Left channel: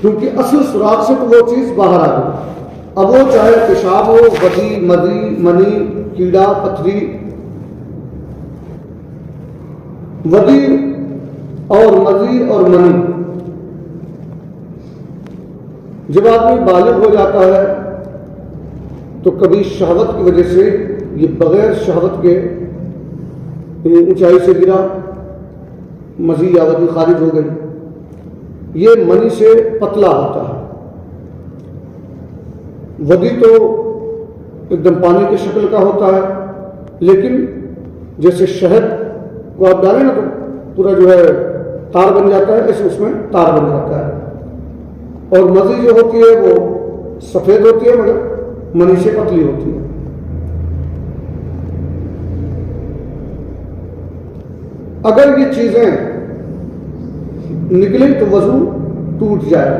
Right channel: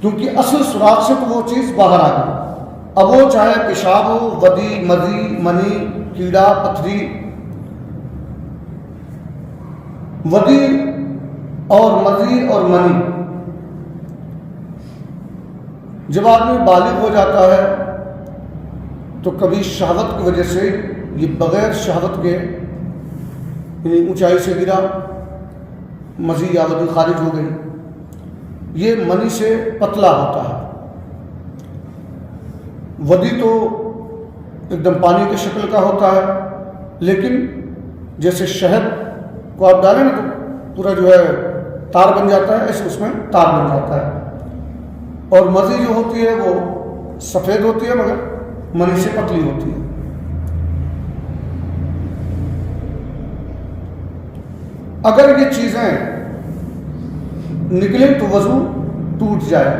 کیونکہ اصل سوراخ سے تو وہ چیز باہر آ گئی. اب وہ چاہے پیشاب ہو، ودی، مدی، منی، کیڑا، پتھری. ودی اور مدی اور منی، جب آدمی بالغ ہو جاتا ہے تو کبھی شہوت کی وجہ سے یہ بغیر شہوت کے اونچائی سے گرا، مزی یا ودی خارج ہو گئی. یہ منی سے پتلا ہوتا ہے. ودی تو ایک دم پانی کی شکل کا ہوتا ہے، لیکن جیسے شہد کو آپ ڈالیں نا تو پورا جو ہے تار بن جاتا ہے، ایسے اس میں تار بن جاتا ہے. اور مزی جو ہوتی ہے وہ سفید ہوتی ہے مگر منی سے پتلی ہوتی ہے. اگر یہ چیزیں نکلیں تو وضو ٹوٹ جائے.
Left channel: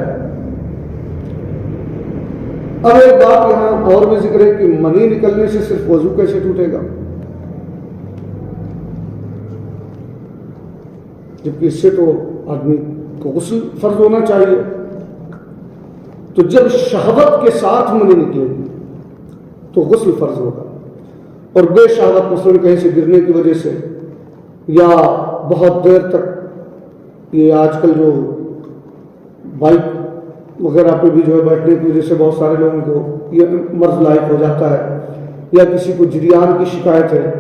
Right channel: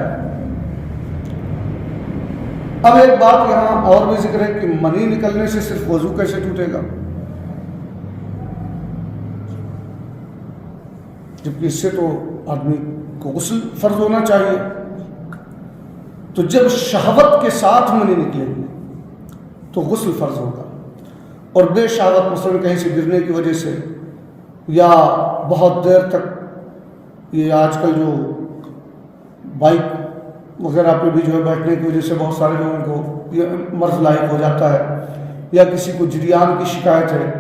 اب ایک بات یہاں اور بھی ذکر ہے کہ منی نکلنے سے صرف وضو کیسے ٹوٹے گا، جبکہ اس سے تو آدمی کو غسل فرض ہونا چاہیے. تو جب شہوت کے ساتھ منی نکلے گی تو غسل فرض ہوگا. اور بے شہوت مثلا کہیں سے گرنے کی وجہ سے یا بہت دیر تک، یہ آج کل جو بائک وغیرہ پہ بھی جو ہے بیٹھنے کی وجہ سے بہت سارے لوگوں کو یہ مرض لاحق ہو جاتا ہے، یا کسی کو جریان کی شکایت ہے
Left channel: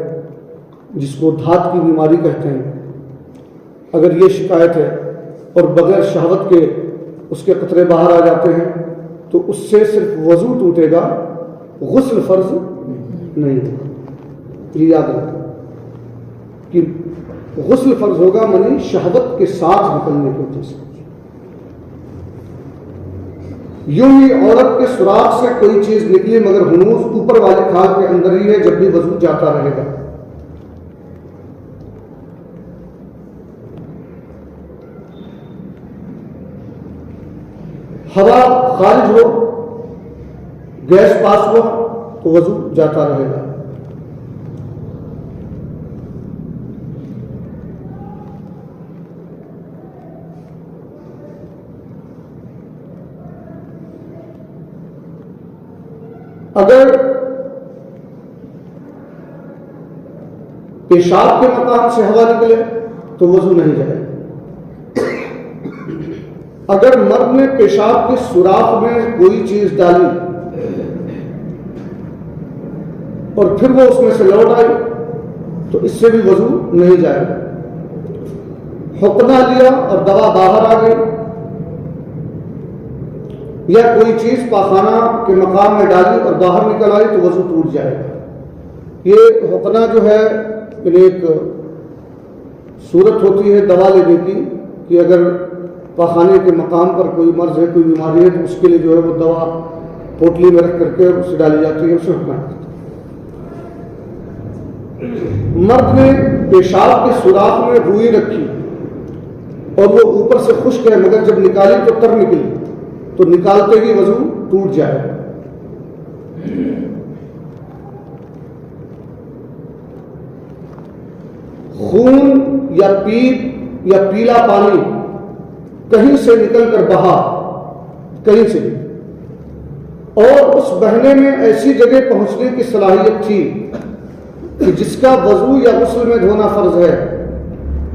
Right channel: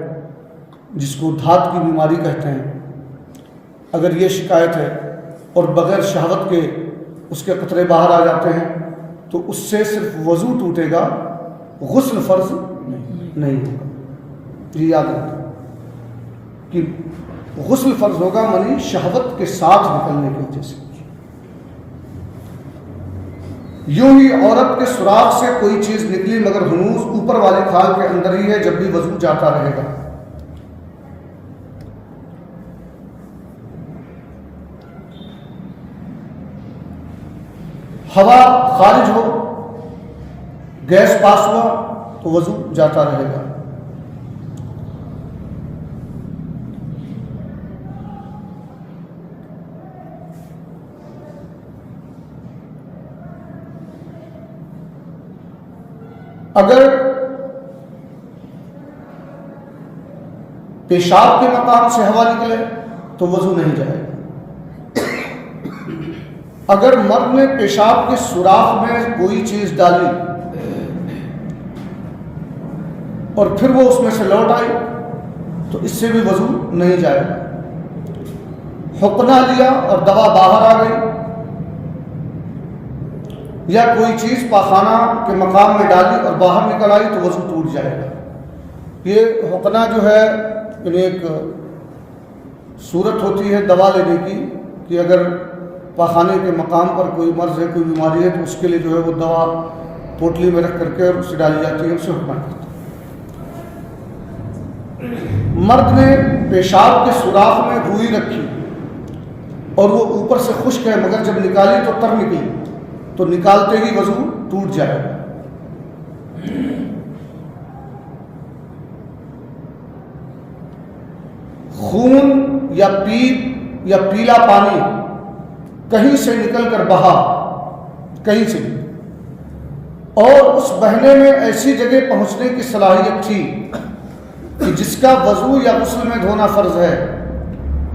جس کو دھات کی بیماری کہتے ہیں. اگر یہ شکایت ہے اور بغیر شہوت کے اس کے قطرے باہر آ جاتے ہیں تو اس سے صرف وضو ٹوٹے گا، غسل فرض نہیں ہوگا. یہ یاد رکھیں کہ غسل فرض ہوگا منی شہوت کے ساتھ نکلنے کی وجہ سے. یوں ہی عورت کے سوراخ سے کوئی چیز نکلی مگر ہنوز اوپر والی کھال کے اندر ہی ہے، جب بھی وضو جاتا رہے گا. ہوا خارج ہو، گیس پاس ہو تو وضو جاتا رہے گا. اگر پیشاب کے مقام سے ہوا نکلے تو وضو نہیں جائے. اگر مرد نے پیشاب کے سوراخ میں کوئی چیز ڈالی اور پھر وہ اس میں سے لوٹ آئی تو اس سے بھی وضو نہیں جائے گا. حقنہ لیا اور دوا باہر آ گئی یا کوئی چیز پاخانہ کے مقام میں ڈالی اور باہر نکل آئی تو وضو ٹوٹ جائے گا. یہ حقنہ جو ہے ایک صورت ہوتی ہے دوا لینے کی کہ اگر پاخانے کے مقام پر کوئی مرض ہے، کوئی بیماری ہے تو اس کے لیے جو ہے وہ دوا پوٹلی میں رکھ کر کے اور اسے ڈالی جاتی ہے، اسے حقنہ کرتے ہیں. مرد نے پیشاب کے سوراخ میں روئی رکھی اور وہ اوپر سے خشک ہے مگر جب نکالی تو تر نکلی تو نکالتے ہی وضو ٹوٹ جائے. خون یا پیپ یا پیلا پانی کہیں سے نکل کر بہا، کہیں سے، اور اس بہنے میں ایسی جگہ پہنچنے کی صلاحیت تھی کہ جس کا وضو یا غسل میں دھونا فرض ہے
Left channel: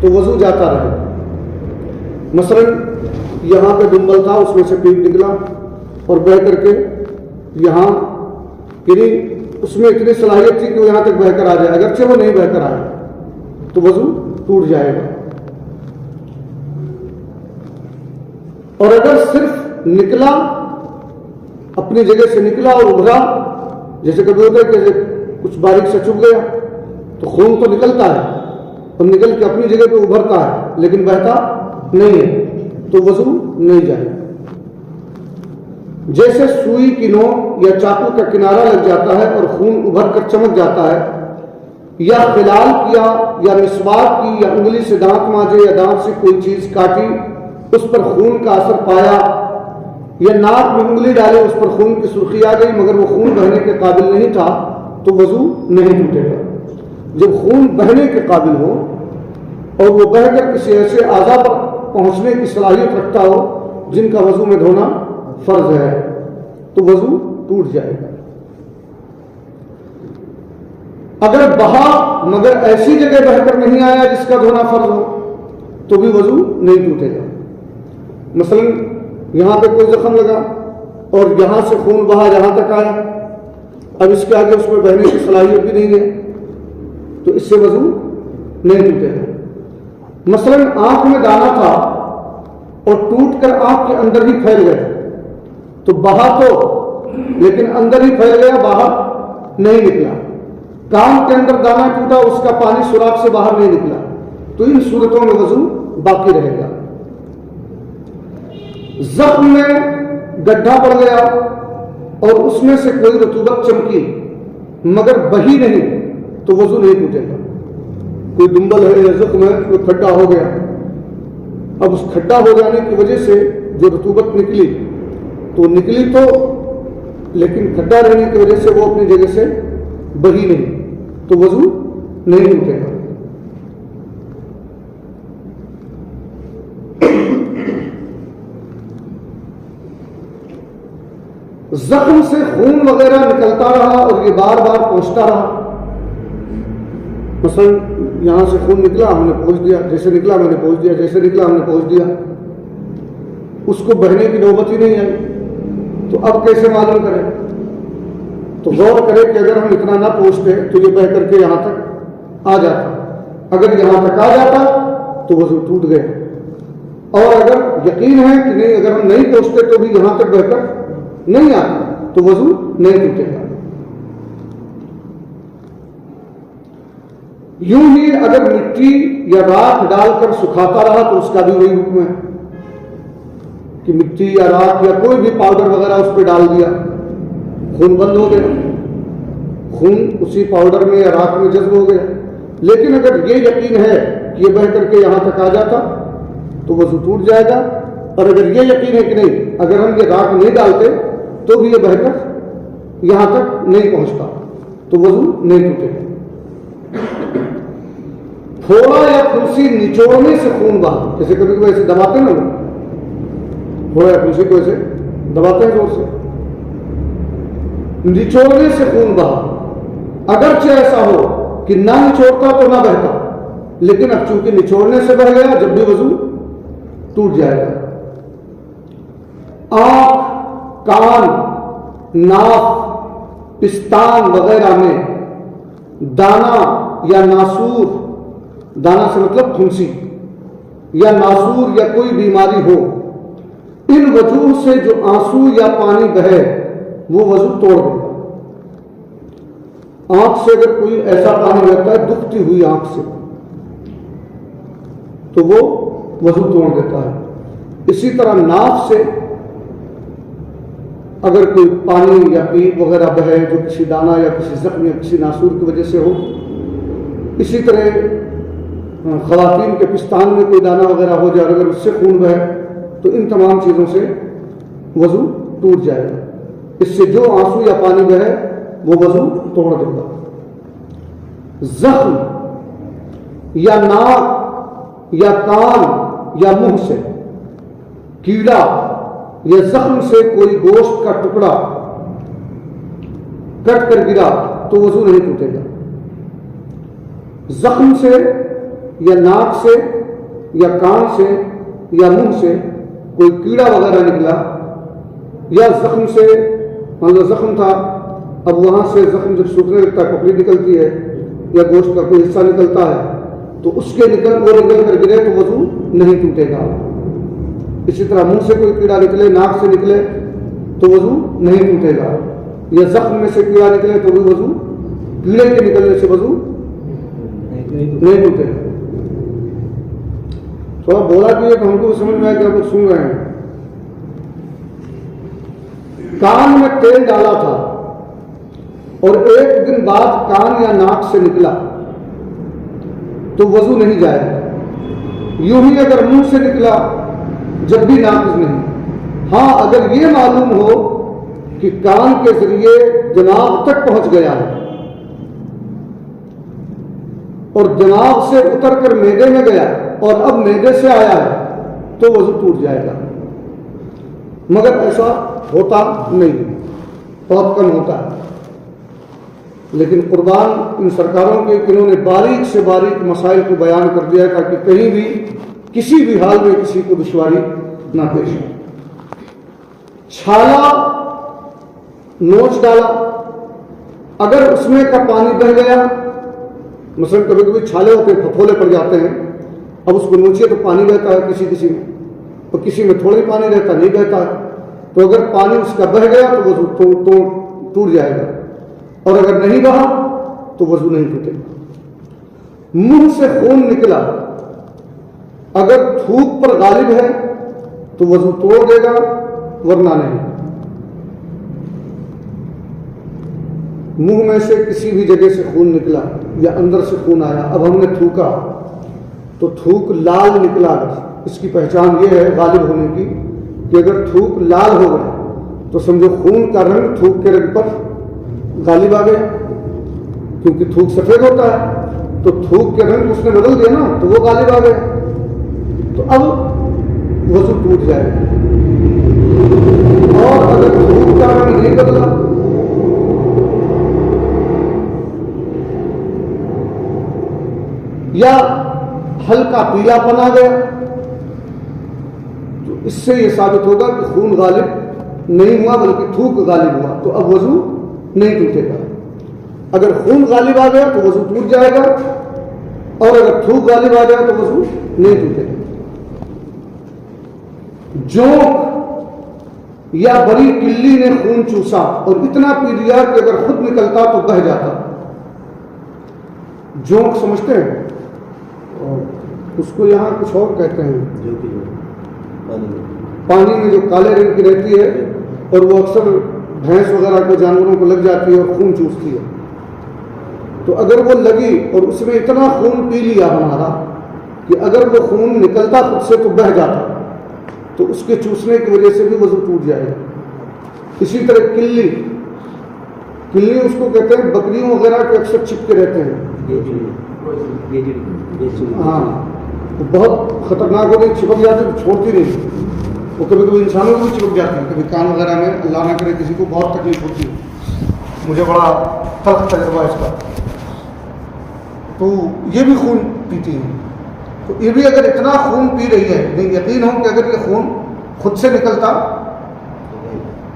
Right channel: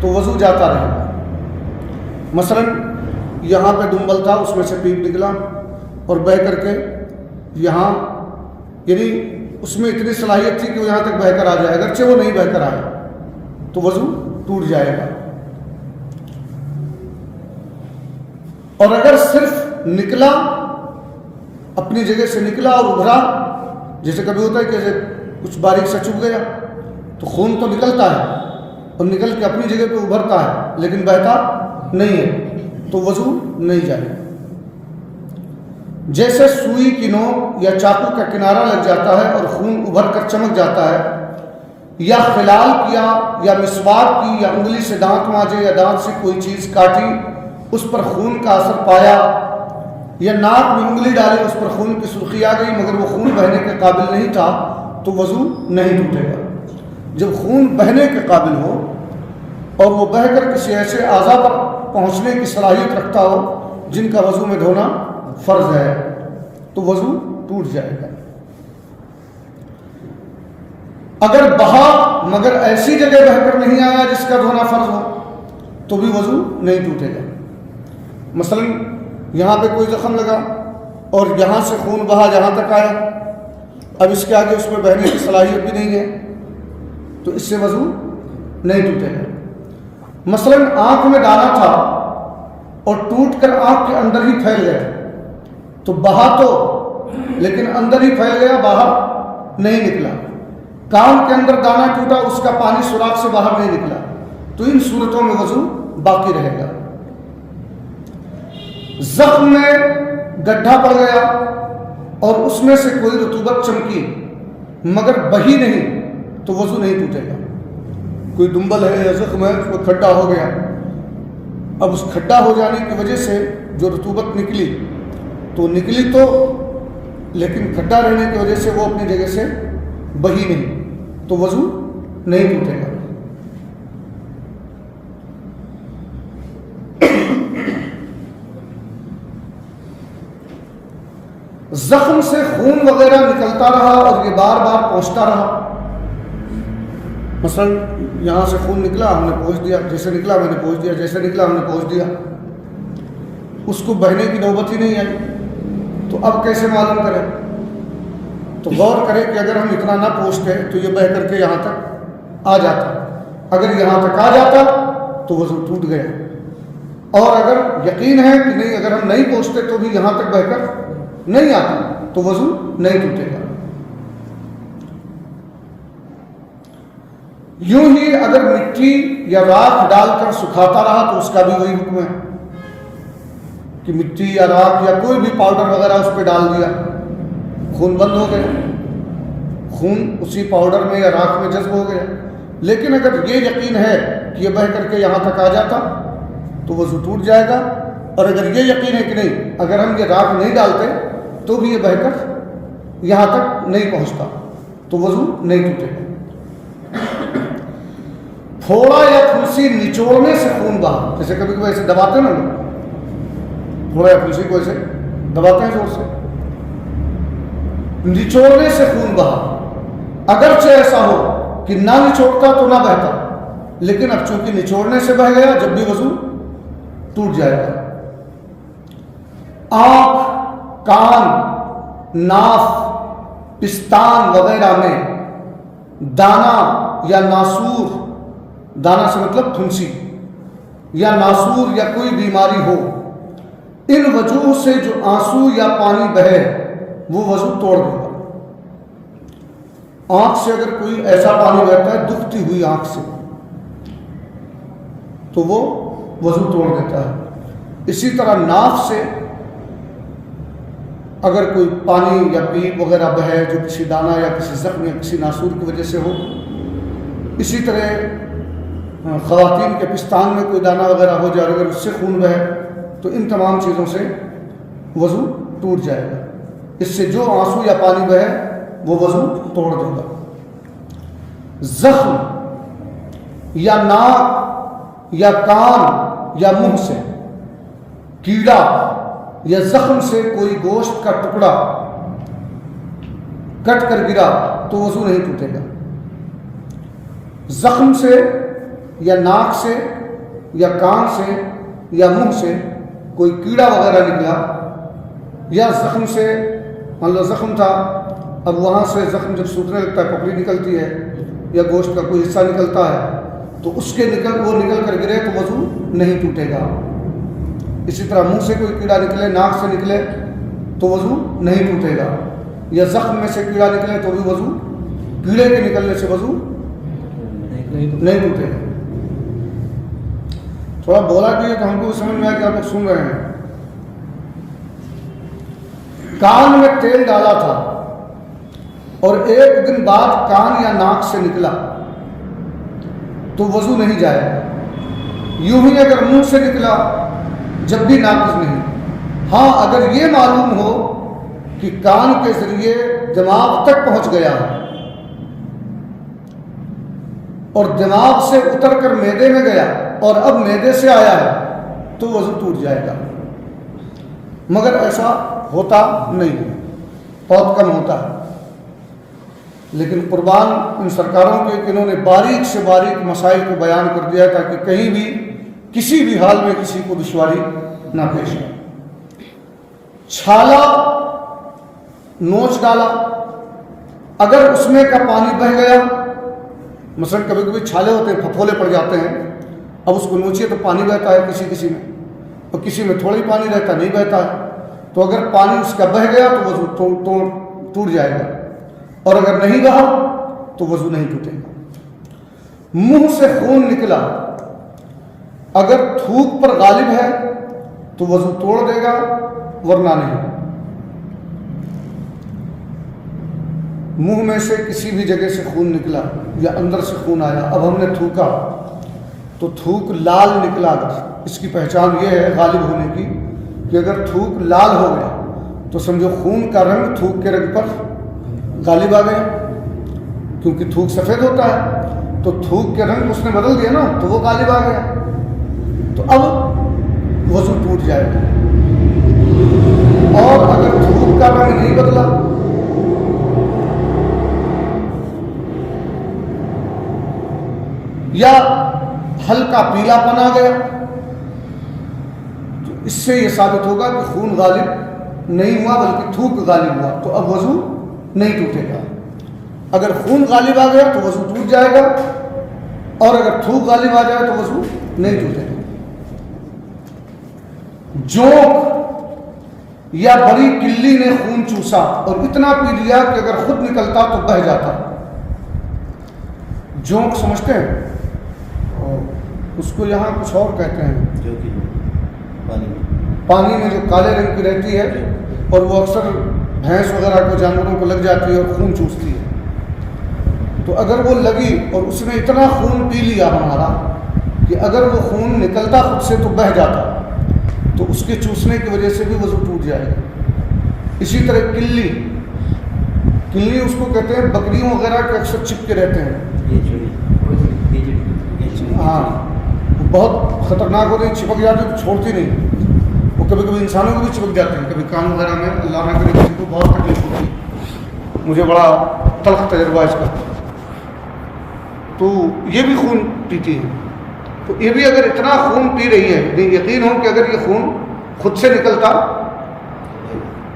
تو وضو جاتا رہے. مثلا یہاں پہ دمبل تھا، اس میں سے پیپ نکلا اور بہہ کر کے یہاں، یعنی اس میں اتنی صلاحیت تھی کہ وہ یہاں تک بہہ کر آ جائے، اگرچہ وہ نہیں بہہ کر آیا تو وضو ٹوٹ جائے گا. اور اگر صرف نکلا، اپنی جگہ سے نکلا اور ابھرا، جیسے کبھی ہوتا ہے کہ کچھ باریک سے چپ گیا تو خون تو نکلتا ہے اور نکل کے اپنی جگہ پہ ابھرتا ہے لیکن بہتا نہیں ہے تو وضو نہیں جائے. جیسے سوئی کی نوک یا چاقو کا کنارہ لگ جاتا ہے اور خون ابھر کر چمک جاتا ہے، یا خلال کیا یا مسواک کی یا انگلی سے دانت مانجے یا دانت سے کوئی چیز کاٹی اس پر خون کا اثر پایا، یا ناک میں انگلی ڈالے اس پر خون کی سرخی آ گئی مگر وہ خون بہنے کے قابل نہیں تھا تو وضو نہیں ٹوٹے گا. جب خون بہنے کے قابل ہو اور وہ بہہ کر کسی ایسے اعضاء پر پہنچنے کی صلاحیت رکھتا ہو جن کا وضو میں دھونا فرض ہے تو وضو ٹوٹ جائے گا. اگر بہا مگر ایسی جگہ بہ کر نہیں آیا جس کا دھونا فرض ہو تو بھی وضو نہیں ٹوٹے گا. مثلا یہاں پہ کوئی زخم لگا اور یہاں سے خون بہا یہاں تک آیا, اب اس کے آگے اس میں بہنے کی صلاحیت بھی نہیں ہے تو اس سے وضو نہیں ٹوٹے گا. مثلا آنکھ میں دانا تھا اور ٹوٹ کر آنکھ کے اندر ہی پھیل گیا تو بہا تو لیکن اندر ہی پھیل گیا, باہر نہیں نکلا. کان کے اندر دانا ٹوٹا, اس کا پانی سوراخ سے باہر نہیں نکلا تو ان صورتوں میں وضو باقی رہے گا. زخم میں گڈھا پڑ گیا اور اس میں سے کوئی رطوبت چمکی مگر بہی نہیں تو وضو نہیں ٹوٹے گا. کوئی ڈمبل ہے یا زخم ہے, کوئی کھڈا ہو گیا, اب اس کھڈا ہو جانے کی وجہ سے جو رطوبت نکلی تو نکلی تو لیکن کھڈا رہنے کی وجہ سے وہ اپنی جگہ سے بہی نہیں تو وضو نہیں ٹوٹے گا. زخم سے خون وغیرہ نکلتا رہا اور یہ بار بار پہنچتا رہا. مثلا یہاں سے خون نکلا, ہم نے پہنچ دیا, جیسے نکلا میں نے پہنچ دیا, جیسے نکلا ہم نے پہنچ دیا, اس کو بہنے کی نوبت ہی نہیں آئی تو اب کیسے معلوم کریں؟ تو غور کرے کہ اگر ہم اتنا نہ پہنچتے تو یہ بہہ کر کے یہاں تک آ جاتا, اگر یہاں تک آ جاتا تو وضو ٹوٹ گیا, اور اگر یقین ہے کہ نہیں اگر ہم نہیں پہنچتے تو بھی یہاں تک بہہ کر نہیں آتا تو وضو نہیں ٹوٹے گا. یوں ہی اگر مٹی یا راکھ ڈال کر سکھاتا رہا تو اس کا بھی وہی حکم ہے کہ مٹی یا راکھ یا کوئی بھی پاؤڈر وغیرہ اس پہ ڈال دیا, خون بند ہو گیا, خون اسی پاؤڈر میں یا راکھ میں جذب ہو گیا. لیکن اگر یہ یقین ہے کہ یہ بہہ کر کے یہاں تک آ جاتا تو وضو ٹوٹ جائے گا, اور اگر یہ یقین ہے کہ نہیں اگر ہم یہ راکھ نہیں ڈالتے تو بھی یہ بہہ کر یہاں تک نہیں پہنچتا تو وضو نہیں ٹوٹے. پھوڑا یا پھلسی نچوڑنے سے خون بہا, جیسے کبھی کبھی ایسے دباتے نا لوگ, پھوڑا یا پھلسی کو ایسے دباتے ہیں زور سے, نچوڑنے سے خون بہا. اگرچہ ایسا ہو کہ نہ نچوڑتا تو نہ بہتا, لیکن اب چونکہ نچوڑنے سے بہ گیا جب بھی وضو ٹوٹ جائے گا. آنکھ, کان, ناف, پستان وغیرہ میں دانا یا ناسور, دانا سے مطلب پھنسی, یا ناسور یا کوئی بیماری ہو, ان وجوہ سے جو آنسو یا پانی بہے وہ وضو توڑ دے گا. آنکھ سے اگر کوئی ایسا پانی بہتا ہے دکھتی ہوئی آنکھ سے تو وہ وضو توڑ دیتا ہے. اسی طرح ناف سے اگر کوئی پانی یا پیپ وغیرہ بہے جو کسی دانہ یا کسی زخم یا کسی ناسور کی وجہ سے ہو. اسی طرح خواتین کے پستان میں کوئی دانہ وغیرہ ہو جائے اگر اس سے خون بہے تو ان تمام چیزوں سے وضو ٹوٹ جائے گا. اس سے جو آنسو یا پانی بہے وہ وضو توڑ دے گا. زخم یا ناک یا کان یا منہ سے کیڑا یا زخم سے کوئی گوشت کا ٹکڑا کٹ کر گرا تو وضو نہیں ٹوٹے گا. زخم سے یا ناک سے یا کان سے یا منہ سے کوئی کیڑا وغیرہ نکلا, یا زخم سے مطلب زخم تھا اب وہاں سے زخم جب سوکھنے لگتا ہے پپڑی نکلتی ہے یا گوشت کا کوئی حصہ نکلتا ہے تو اس کے وہ نکل کر گرے تو وضو نہیں ٹوٹے گا. اسی طرح منہ سے کوئی کیڑا نکلے, ناک سے نکلے تو وضو نہیں ٹوٹے گا, یا زخم میں سے کیڑا نکلے تو بھی وضو, کیڑے کے نکلنے سے وضو نہیں ٹوٹے گا. تھوڑا بولا بھی ہے تو ہم کو سمجھ میں آیا کہ آپ لوگ سن رہے ہیں. کان میں تیل ڈالا تھا اور ایک دن بعد کان یا ناک سے نکلا تو وضو نہیں جائے گا. یوں ہی اگر منہ سے نکلا جب بھی ناقص نہیں. ہاں اگر یہ معلوم ہو کہ کان کے ذریعے دماغ تک پہنچ گیا اور دماغ سے اتر کر معدے میں گیا اور اب معدے سے آیا ہے تو وضو ٹوٹ جائے گا. مگر ایسا ہوتا نہیں، بہت کم ہوتا ہے۔ لیکن قربان ان سرکاروں کے کہ انہوں نے باریک سے باریک مسائل کو بیان کر دیا تاکہ کہیں بھی کسی بھی حال میں کسی کو دشواری نہ پیش آئے۔ چھالا نوچ ڈالا، اگر اس میں کا پانی بہہ گیا، مثلا کبھی کبھی چھالے ہوتے ہیں پھپھولے پڑ جاتے ہیں، اب اس کو نوچیے تو پانی بہتا ہے کسی کسی میں، اور کسی میں تھوڑی پانی رہتا نہیں بہتا ہے، تو اگر پانی اس کا بہہ گیا تو وضو ٹوٹ جائے گا، اور اگر نہیں بہا تو وضو نہیں ٹوٹے گا۔ منہ سے خون نکلا، اگر تھوک پر غالب ہے تو وضو توڑ دے گا ورنہ نہیں۔ منہ میں سے کسی بھی جگہ سے خون نکلا یا اندر سے خون آیا، اب ہم نے تھوکا تو تھوک لال نکلا، اس کی پہچان یہ ہے غالب ہونے کی کہ اگر تھوک لال ہو گیا تو سمجھو خون کا رنگ تھوک کے رنگ پر غالب آ گیا، کیونکہ تھوک سفید ہوتا ہے تو تھوک کے رنگ اس نے بدل دیا نا، تو وہ غالب آ گیا، تو اب وضو ٹوٹ جائے گا۔ اور اگر تھوک کا رنگ نہیں بدلا، یا ہلکا پیلا پن آ گیا، تو اس سے یہ ثابت ہوگا کہ خون غالب نہیں ہوا بلکہ تھوک غالب ہوا، تو اب وضو نہیں ٹوٹے گا۔ اگر خون غالب آ گیا تو وضو ٹوٹ جائے گا، اور اگر تھوک غالب آ جائے تو وضو نہیں ٹوٹے گا۔ جونک یا بڑی کلی نے خون چوسا اور اتنا پی لیا کہ اگر خود نکلتا تو بہہ جاتا۔ جونک سمجھتے ہیں؟ اس کو یہاں کچھ اور کہتے ہیں، جو کہ پانی میں جو کالے رنگ کی رہتی ہے اور وہ اکثر بھینس وغیرہ کو جانوروں کو لگ جاتی ہے اور خون چوستی ہے، تو اگر وہ لگی اور اس نے اتنا خون پی لیا ہمارا کہ اگر وہ خون نکلتا خود سے تو بہہ جاتا، تو اس کے چوسنے کی وجہ سے بھی وضو ٹوٹ جائے گا۔ اسی طرح کلی اس کو کہتے ہیں، بکریوں وغیرہ کے اکثر چپکے رہتے ہیں، ہاں بہت خطرناک ہوتے ہیں، چپک جاتے ہیں چھوڑتی نہیں، وہ کبھی کبھی انسانوں کو بھی چپک جاتے ہیں، کبھی کان وغیرہ میں، اللہ نہ کرے کسی کو بہت تکلیف ہوتی ہے، مجھے بڑا تلخ تجربہ اس کا۔ تو یہ بھی خون پیتی ہے، تو یہ بھی اگر اتنا خون پی رہی ہے، یقین ہو کہ اگر یہ خون خود سے نکلتا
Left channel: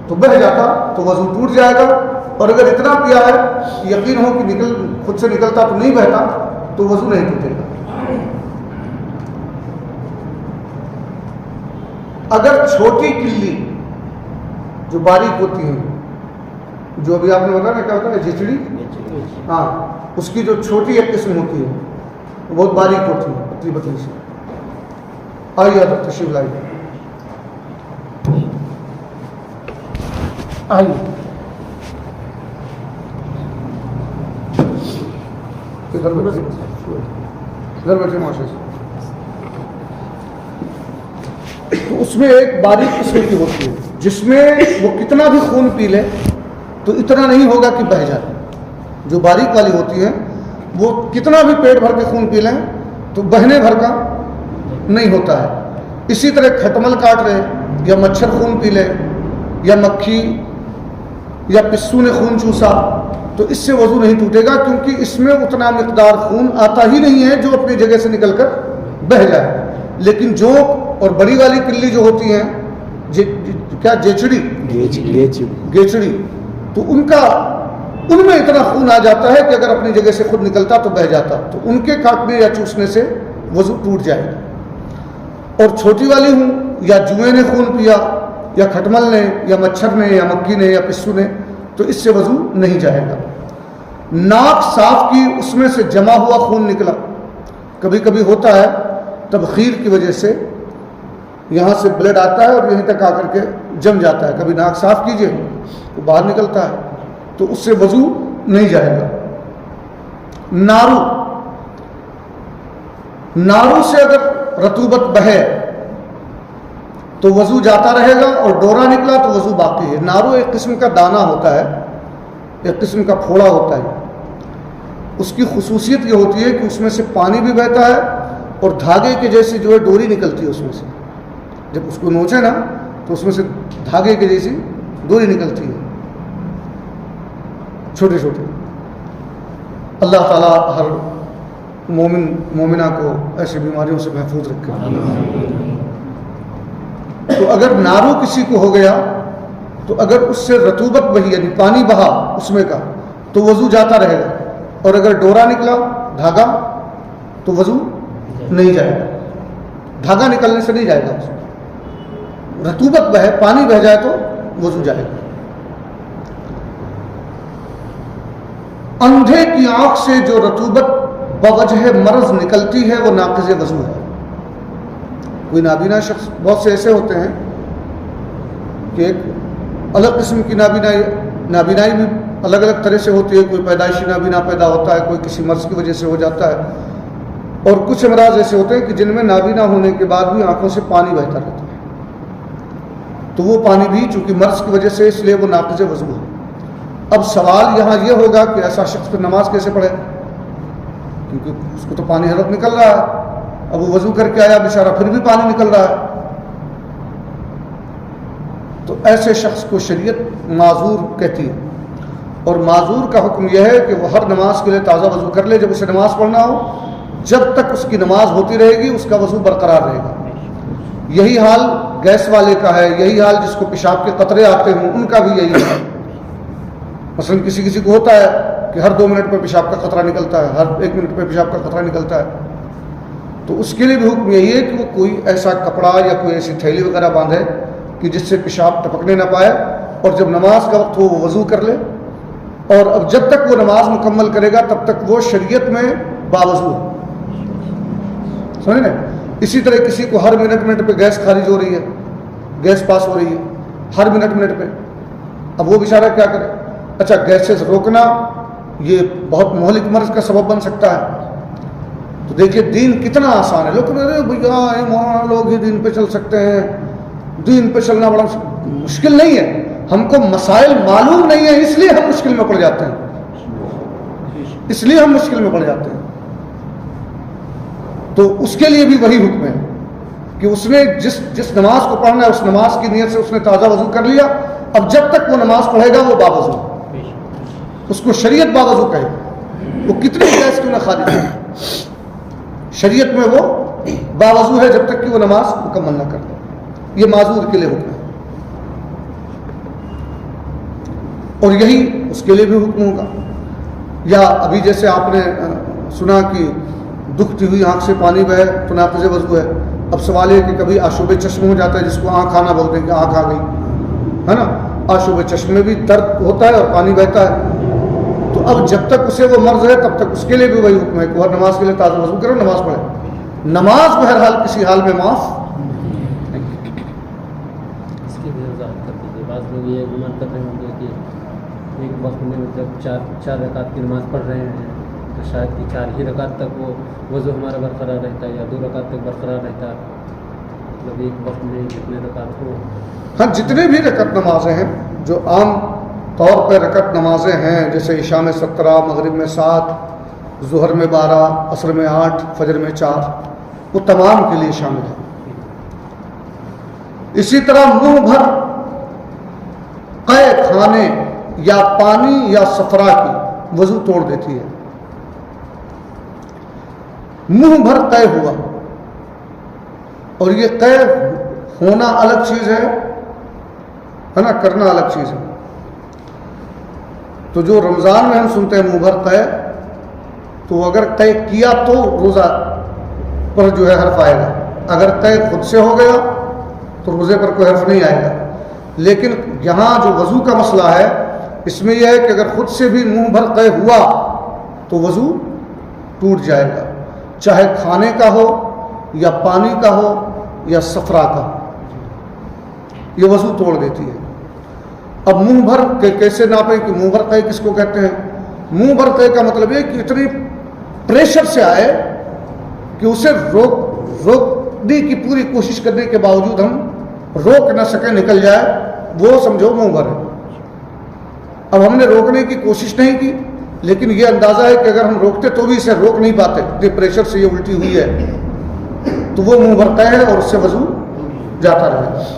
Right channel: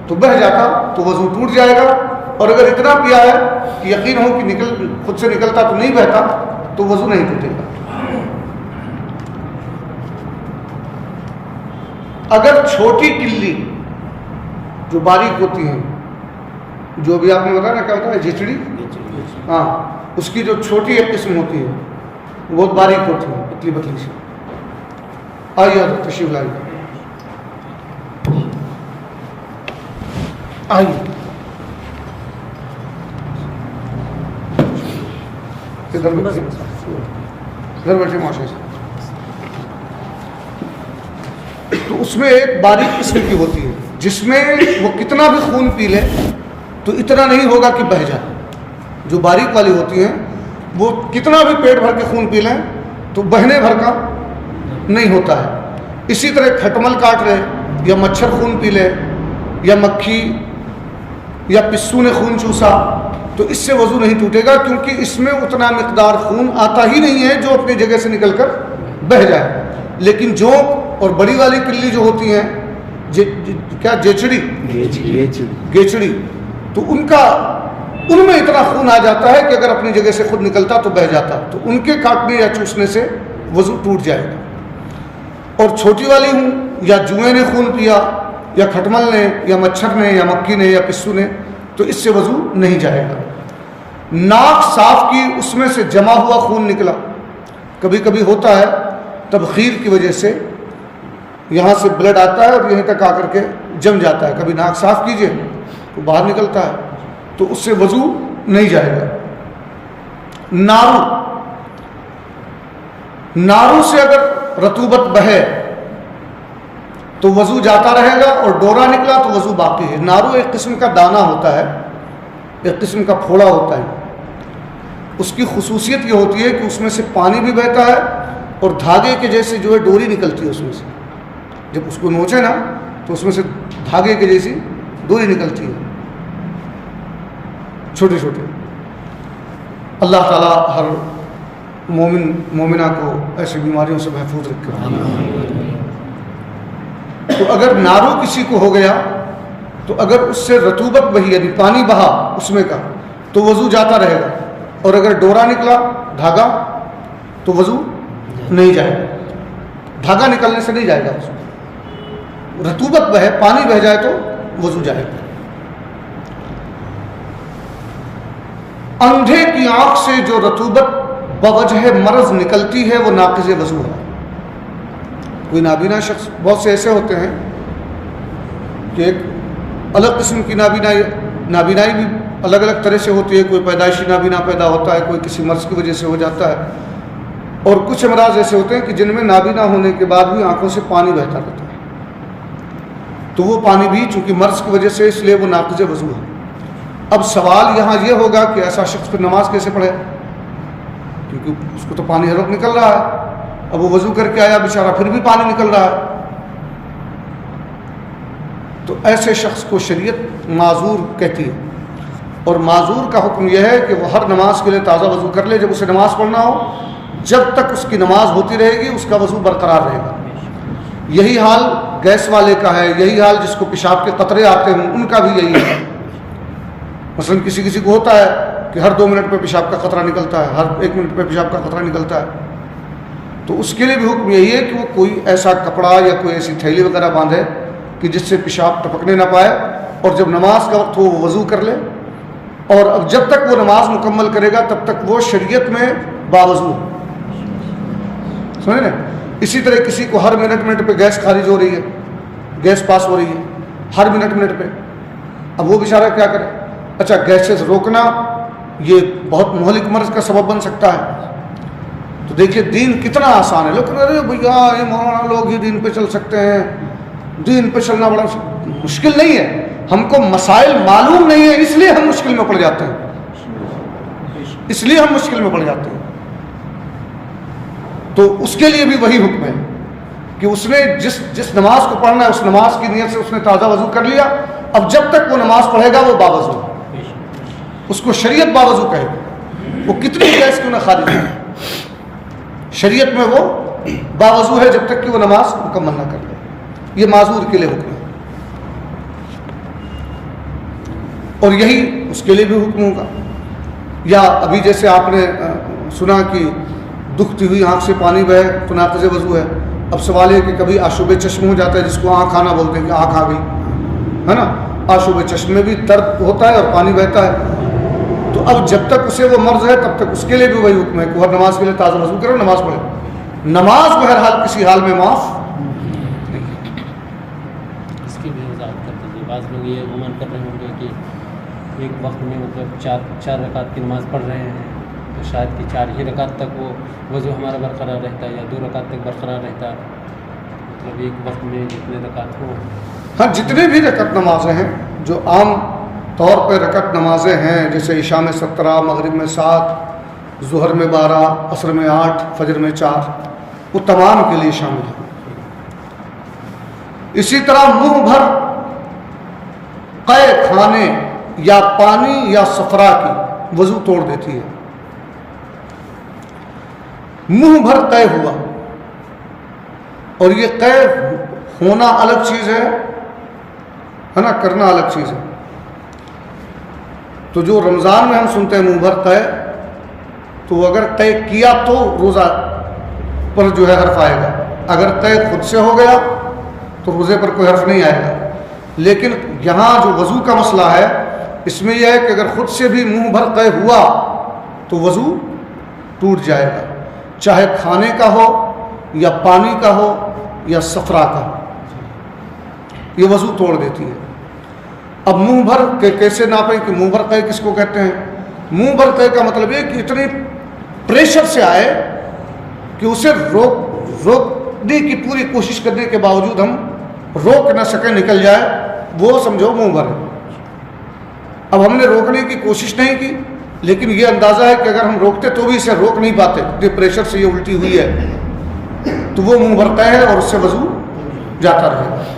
تو بہہ جاتا تو وضو ٹوٹ جائے گا، اور اگر اتنا پیا ہے کہ یقین ہو کہ خود سے نکلتا تو نہیں بہتا تو وضو نہیں ٹوٹے گا۔ اگر چھوٹی کلی جو باریک ہوتی ہیں، جو ابھی آپ نے بتایا نا کیا ہوتا ہے جھچڑی، ہاں اس کی جو چھوٹی ایک قسم ہوتی ہے وہ بہت باریک ہوتی ہے، پتلی پتلی سی، آئیے تشریف لائیے، آئیے گھر بیٹھے معاشرے سے۔ تو اس میں ایک باریک قسم کی ہوتی ہے جس میں وہ کتنا بھی خون پی لے تو اتنا نہیں ہوگا کہ بہہ جائے۔ جو باریک والی ہوتی ہیں وہ کتنا بھی پیٹ بھر کے خون پی لیں تو بہنے بھر کا نہیں ہوتا ہے۔ اسی طرح کھٹمل کاٹ رہے یا مچھر خون پی لے یا مکھی یا پسو نے خون چوسا تو اس سے وضو نہیں ٹوٹے گا، کیونکہ اس میں اتنا مقدار خون آتا ہی نہیں ہے جو اپنی جگہ سے نکل کر بہہ جائے۔ لیکن جونک اور بڑی والی کلی جو ہوتی ہیں کیا گیچڑی، تو ان میں اتنا خون آ جاتا ہے کہ اگر اپنی جگہ سے خود نکلتا تو بہہ جاتا، تو ان کے کاٹنے یا چوسنے سے وضو ٹوٹ جائے گا۔ اور چھوٹی والی ہوں یا جوئے نے خون پیا یا کھٹمل نے یا مچھر نے یا مکھی نے یا پسو نے تو اس سے وضو نہیں جائے گا۔ ناک صاف کی، اس میں سے جمع ہوا خون نکلا، کبھی کبھی ہوتا ہے تبخیر کی وجہ سے یہاں سے بلڈ آتا ہے اور یہیں تک آ کر کے جم جاتا ہے، کبھی ناک صاف کیجئے تو باہر نکلتا ہے، تو اس سے وضو نہیں جائے گا۔ نارو سے اگر رطوبت بہے تو وضو جاتا رہے گا، اور ڈورا نکلا تو وضو باقی ہے۔ نارو ایک قسم کا دانہ ہوتا ہے، ایک قسم کا پھوڑا ہوتا ہے، اس کی خصوصیت یہ ہوتی ہے کہ اس میں سے پانی بھی بہتا ہے اور دھاگے کے جیسے جو ہے ڈوری نکلتی ہے اس میں سے، جب اس کو نوچے نا تو اس میں سے دھاگے کی جیسی دوری نکلتی ہے، چھوٹے چھوٹے. اللہ تعالیٰ ہر مومنہ کو ایسی بیماریوں سے محفوظ رکھے. تو اگر نارو کسی کو ہو گیا تو اگر اس سے رطوبت بہی یعنی پانی بہا اس میں کا تو وضو جاتا رہے گا، اور اگر ڈورا نکلا دھاگا تو وضو نہیں جائے گا. دھاگا نکلنے سے نہیں جائے گا، رطوبت بہے پانی بہ جائے تو وضو جائے گا. اندھے کی آنکھ سے جو رطوبت بوجہ مرض نکلتی ہے وہ ناقض وضو ہے. کوئی نابینا شخص، بہت سے ایسے ہوتے ہیں کہ ایک الگ قسم کی نابینائی بھی الگ الگ طرح سے ہوتی ہے. کوئی پیدائشی نابینا پیدا ہوتا ہے، کوئی کسی مرض کی وجہ سے ہو جاتا ہے، اور کچھ امراض ایسے ہوتے ہیں کہ جن میں نابینا ہونے کے بعد بھی آنکھوں سے پانی بہتا رہتا ہے. تو وہ پانی بھی چونکہ مرض کی وجہ سے، اس لیے وہ ناقض وضو ہے. اب سوال یہاں یہ ہوگا کہ ایسا شخص پھر نماز کیسے پڑھے، کیونکہ اس کو تو پانی ہر وقت نکل رہا ہے. اب وہ وضو کر کے آیا بیچارہ، پھر بھی پانی نکل رہا ہے. تو ایسے شخص کو شریعت معذور کہتی ہے، اور معذور کا حکم یہ ہے کہ وہ ہر نماز کے لیے تازہ وضو کر لے. جب اسے نماز پڑھنا ہو، جب تک اس کی نماز ہوتی رہے گی اس کا وضو برقرار رہے گا. یہی حال گیس والے کا ہے، یہی حال جس کو پیشاب کے قطرے آتے ہیں ان کا بھی یہی ہے. مثلا کسی کو ہوتا ہے کہ ہر 2 منٹ پہ پیشاب کا قطرہ نکلتا ہے، ہر 1 منٹ پہ پیشاب کا قطرہ نکلتا ہے. تو اس کے لیے بھی حکم یہی ہے کہ وہ کوئی ایسا کپڑا یا کوئی ایسی تھیلی وغیرہ باندھے کہ جس سے پیشاب ٹپکنے نہ پائے، اور جب نماز کا وقت ہو وہ وضو کر لے. اور اب جب تک وہ نماز مکمل کرے گا تب تک وہ شریعت میں باوضو ہے. سمجھ لیں؟ اسی طرح کسی کو ہر منٹ پہ گیس خارج ہو رہی ہے، گیس پاس ہو رہی ہے ہر منٹ پہ، اب وہ بیچارہ کیا کرے؟ اچھا، گیسز روکنا یہ بہت مہلک مرض کا سبب بن سکتا ہے. تو دیکھیے دین کتنا آسان ہے. لیکن ارے بھیا یہ مولانا لوگ ہی دین پہ چل سکتے ہیں، دین پہ چلنا بڑا مشکل نہیں ہے. ہم کو مسائل معلوم نہیں ہے، اس لیے ہم مشکل میں پڑ جاتے ہیں، اس لیے ہم مشکل میں پڑ جاتے ہیں. تو اس کے لیے بھی وہی حکم ہے کہ اس نے جس نماز کو پڑھنا ہے اس نماز کی نیت سے اس نے تازہ وضو کر لیا. اب جب تک وہ نماز پڑھے گا وہ باوضو، اس کو شریعت باوضو کہے گی. وہ کتنی گیس کیوں نہ خارج ہے، شریعت میں وہ باوضو ہے جب تک کہ وہ نماز مکمل نہ کرے. یہ معذور کے لیے حکم ہے. اور یہی اس کے لیے بھی حکم ہوگا. یا ابھی جیسے آپ نے سنا کہ دکھتی ہوئی آنکھ سے پانی بہے تو ناقض وضو ہے. اب سوال یہ کہ کبھی آشوب چشم ہو جاتا ہے، جس کو آنکھ آنا بولتے ہیں کہ آنکھ آ گئی ہے نا. آشوب چشم میں بھی درد ہوتا ہے اور پانی بہتا ہے. تو اب جب تک اسے وہ مرض ہے تب تک اس کے لیے بھی وہی حکم ہے کہ ہر نماز کے لیے تازہ وضو کرو، نماز پڑھے. نماز بہرحال کسی حال میں معاف. اس کی بھی وضاحت کر دیجیے. بعض لوگ یہ مان کر رہے ہوں گے کہ ایک وقت میں مطلب چار رکعت کی نماز پڑھ رہے ہیں تو شاید کہ 4 ہی رکعت تک وہ وضو ہمارا برقرار رہتا ہے یا 2 رکعت تک برقرار رہتا ہے. مطلب ایک وقت میں جتنے رکعت ہو، ہاں جتنے بھی رکعت نمازیں ہیں جو عام طور پہ رکعت نمازیں ہیں، جیسے عشاء میں 17، مغرب میں 7، ظہر میں 12، عصر میں 8، فجر میں 4، وہ تمام کے لیے شامل ہے. اسی طرح منہ بھر قے کھانے یا پانی یا صفرا کی وضو توڑ دیتی ہے. منہ بھر قے ہوا، اور یہ قے ہونا الگ چیز ہے نا، کرنا الگ چیز ہے. تو جو رمضان میں ہم سنتے ہیں منہ بھر قے، تو اگر قے کیا تو روزہ پر جو ہے حرف آئے گا. اگر قے خود سے ہو گیا تو روزے پر کوئی حرف نہیں آئے گا. لیکن یہاں جو وضو کا مسئلہ ہے اس میں یہ ہے کہ اگر خود سے بھی منہ بھر قے ہوا تو وضو ٹوٹ جائے گا، چاہے کھانے کا ہو یا پانی کا ہو یا صفرا کا، یہ وضو توڑ دیتی ہے. اب منہ بھر کے کیسے ناپیں کہ منہ بھر قے کس کو کہتے ہیں؟ منہ بھر قے کا مطلب یہ کہ اتنی پریشر سے آئے کہ اسے روکنے کی پوری کوشش کرنے کے باوجود ہم روک نہ سکیں، نکل جائے، وہ سمجھو منہ بھر ہے. اب ہم نے روکنے کی کوشش نہیں کی، لیکن یہ اندازہ ہے کہ اگر ہم روکتے تو بھی اسے روک نہیں پاتے، اتنے پریشر سے یہ الٹی ہوئی ہے، تو وہ منہ بھر قے ہے اور اس سے وضو جاتا رہے.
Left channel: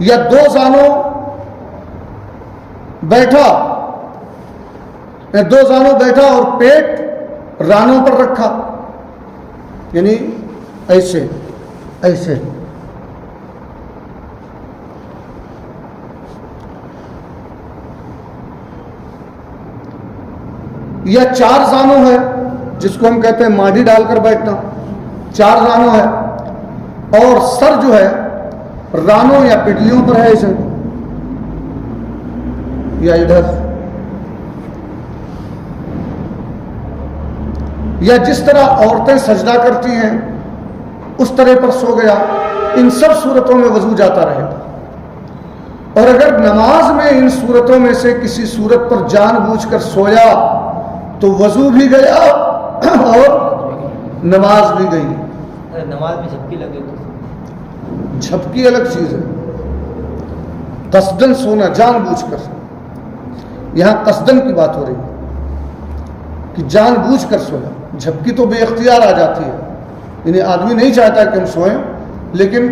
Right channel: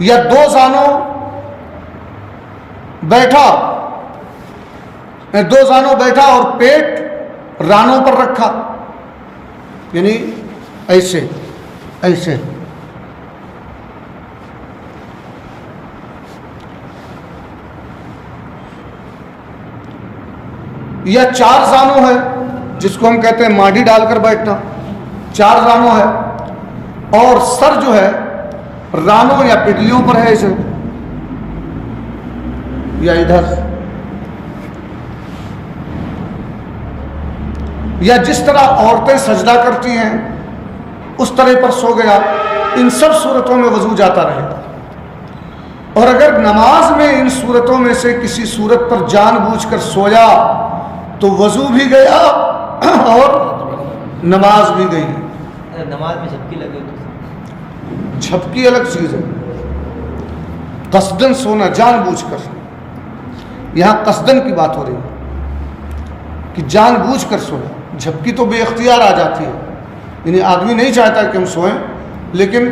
یا دو زانوں بیٹھا اور پیٹ رانوں پر رکھا، یعنی ایسے ایسے. یا چار زانوں ہے جس کو ہم کہتے ہیں ماڈی ڈال کر بیٹھنا، چار زانوں ہے، اور سر جو ہے رانوں یا پٹلیوں پر ہے اسے، یا ادھر، یا جس طرح عورتیں سجدہ کرتی ہیں اس طرح پر سو گیا. ان سب صورتوں میں وضو جاتا رہے. اور اگر نماز میں ان صورتوں میں سے کسی صورت پر جان بوجھ کر سویا تو وضو بھی گیا اور نماز بھی گئی. نماز میں جھپکی لگے تو جھپکی الگ چیز ہے، قصدن سونا جان بوجھ کر. یہاں قصدن کی بات ہو رہی ہے کہ جان بوجھ کر سونا. جھپکی تو بے اختیار آ جاتی ہے، یعنی آدمی نہیں چاہتا کہ ہم سوئیں، لیکن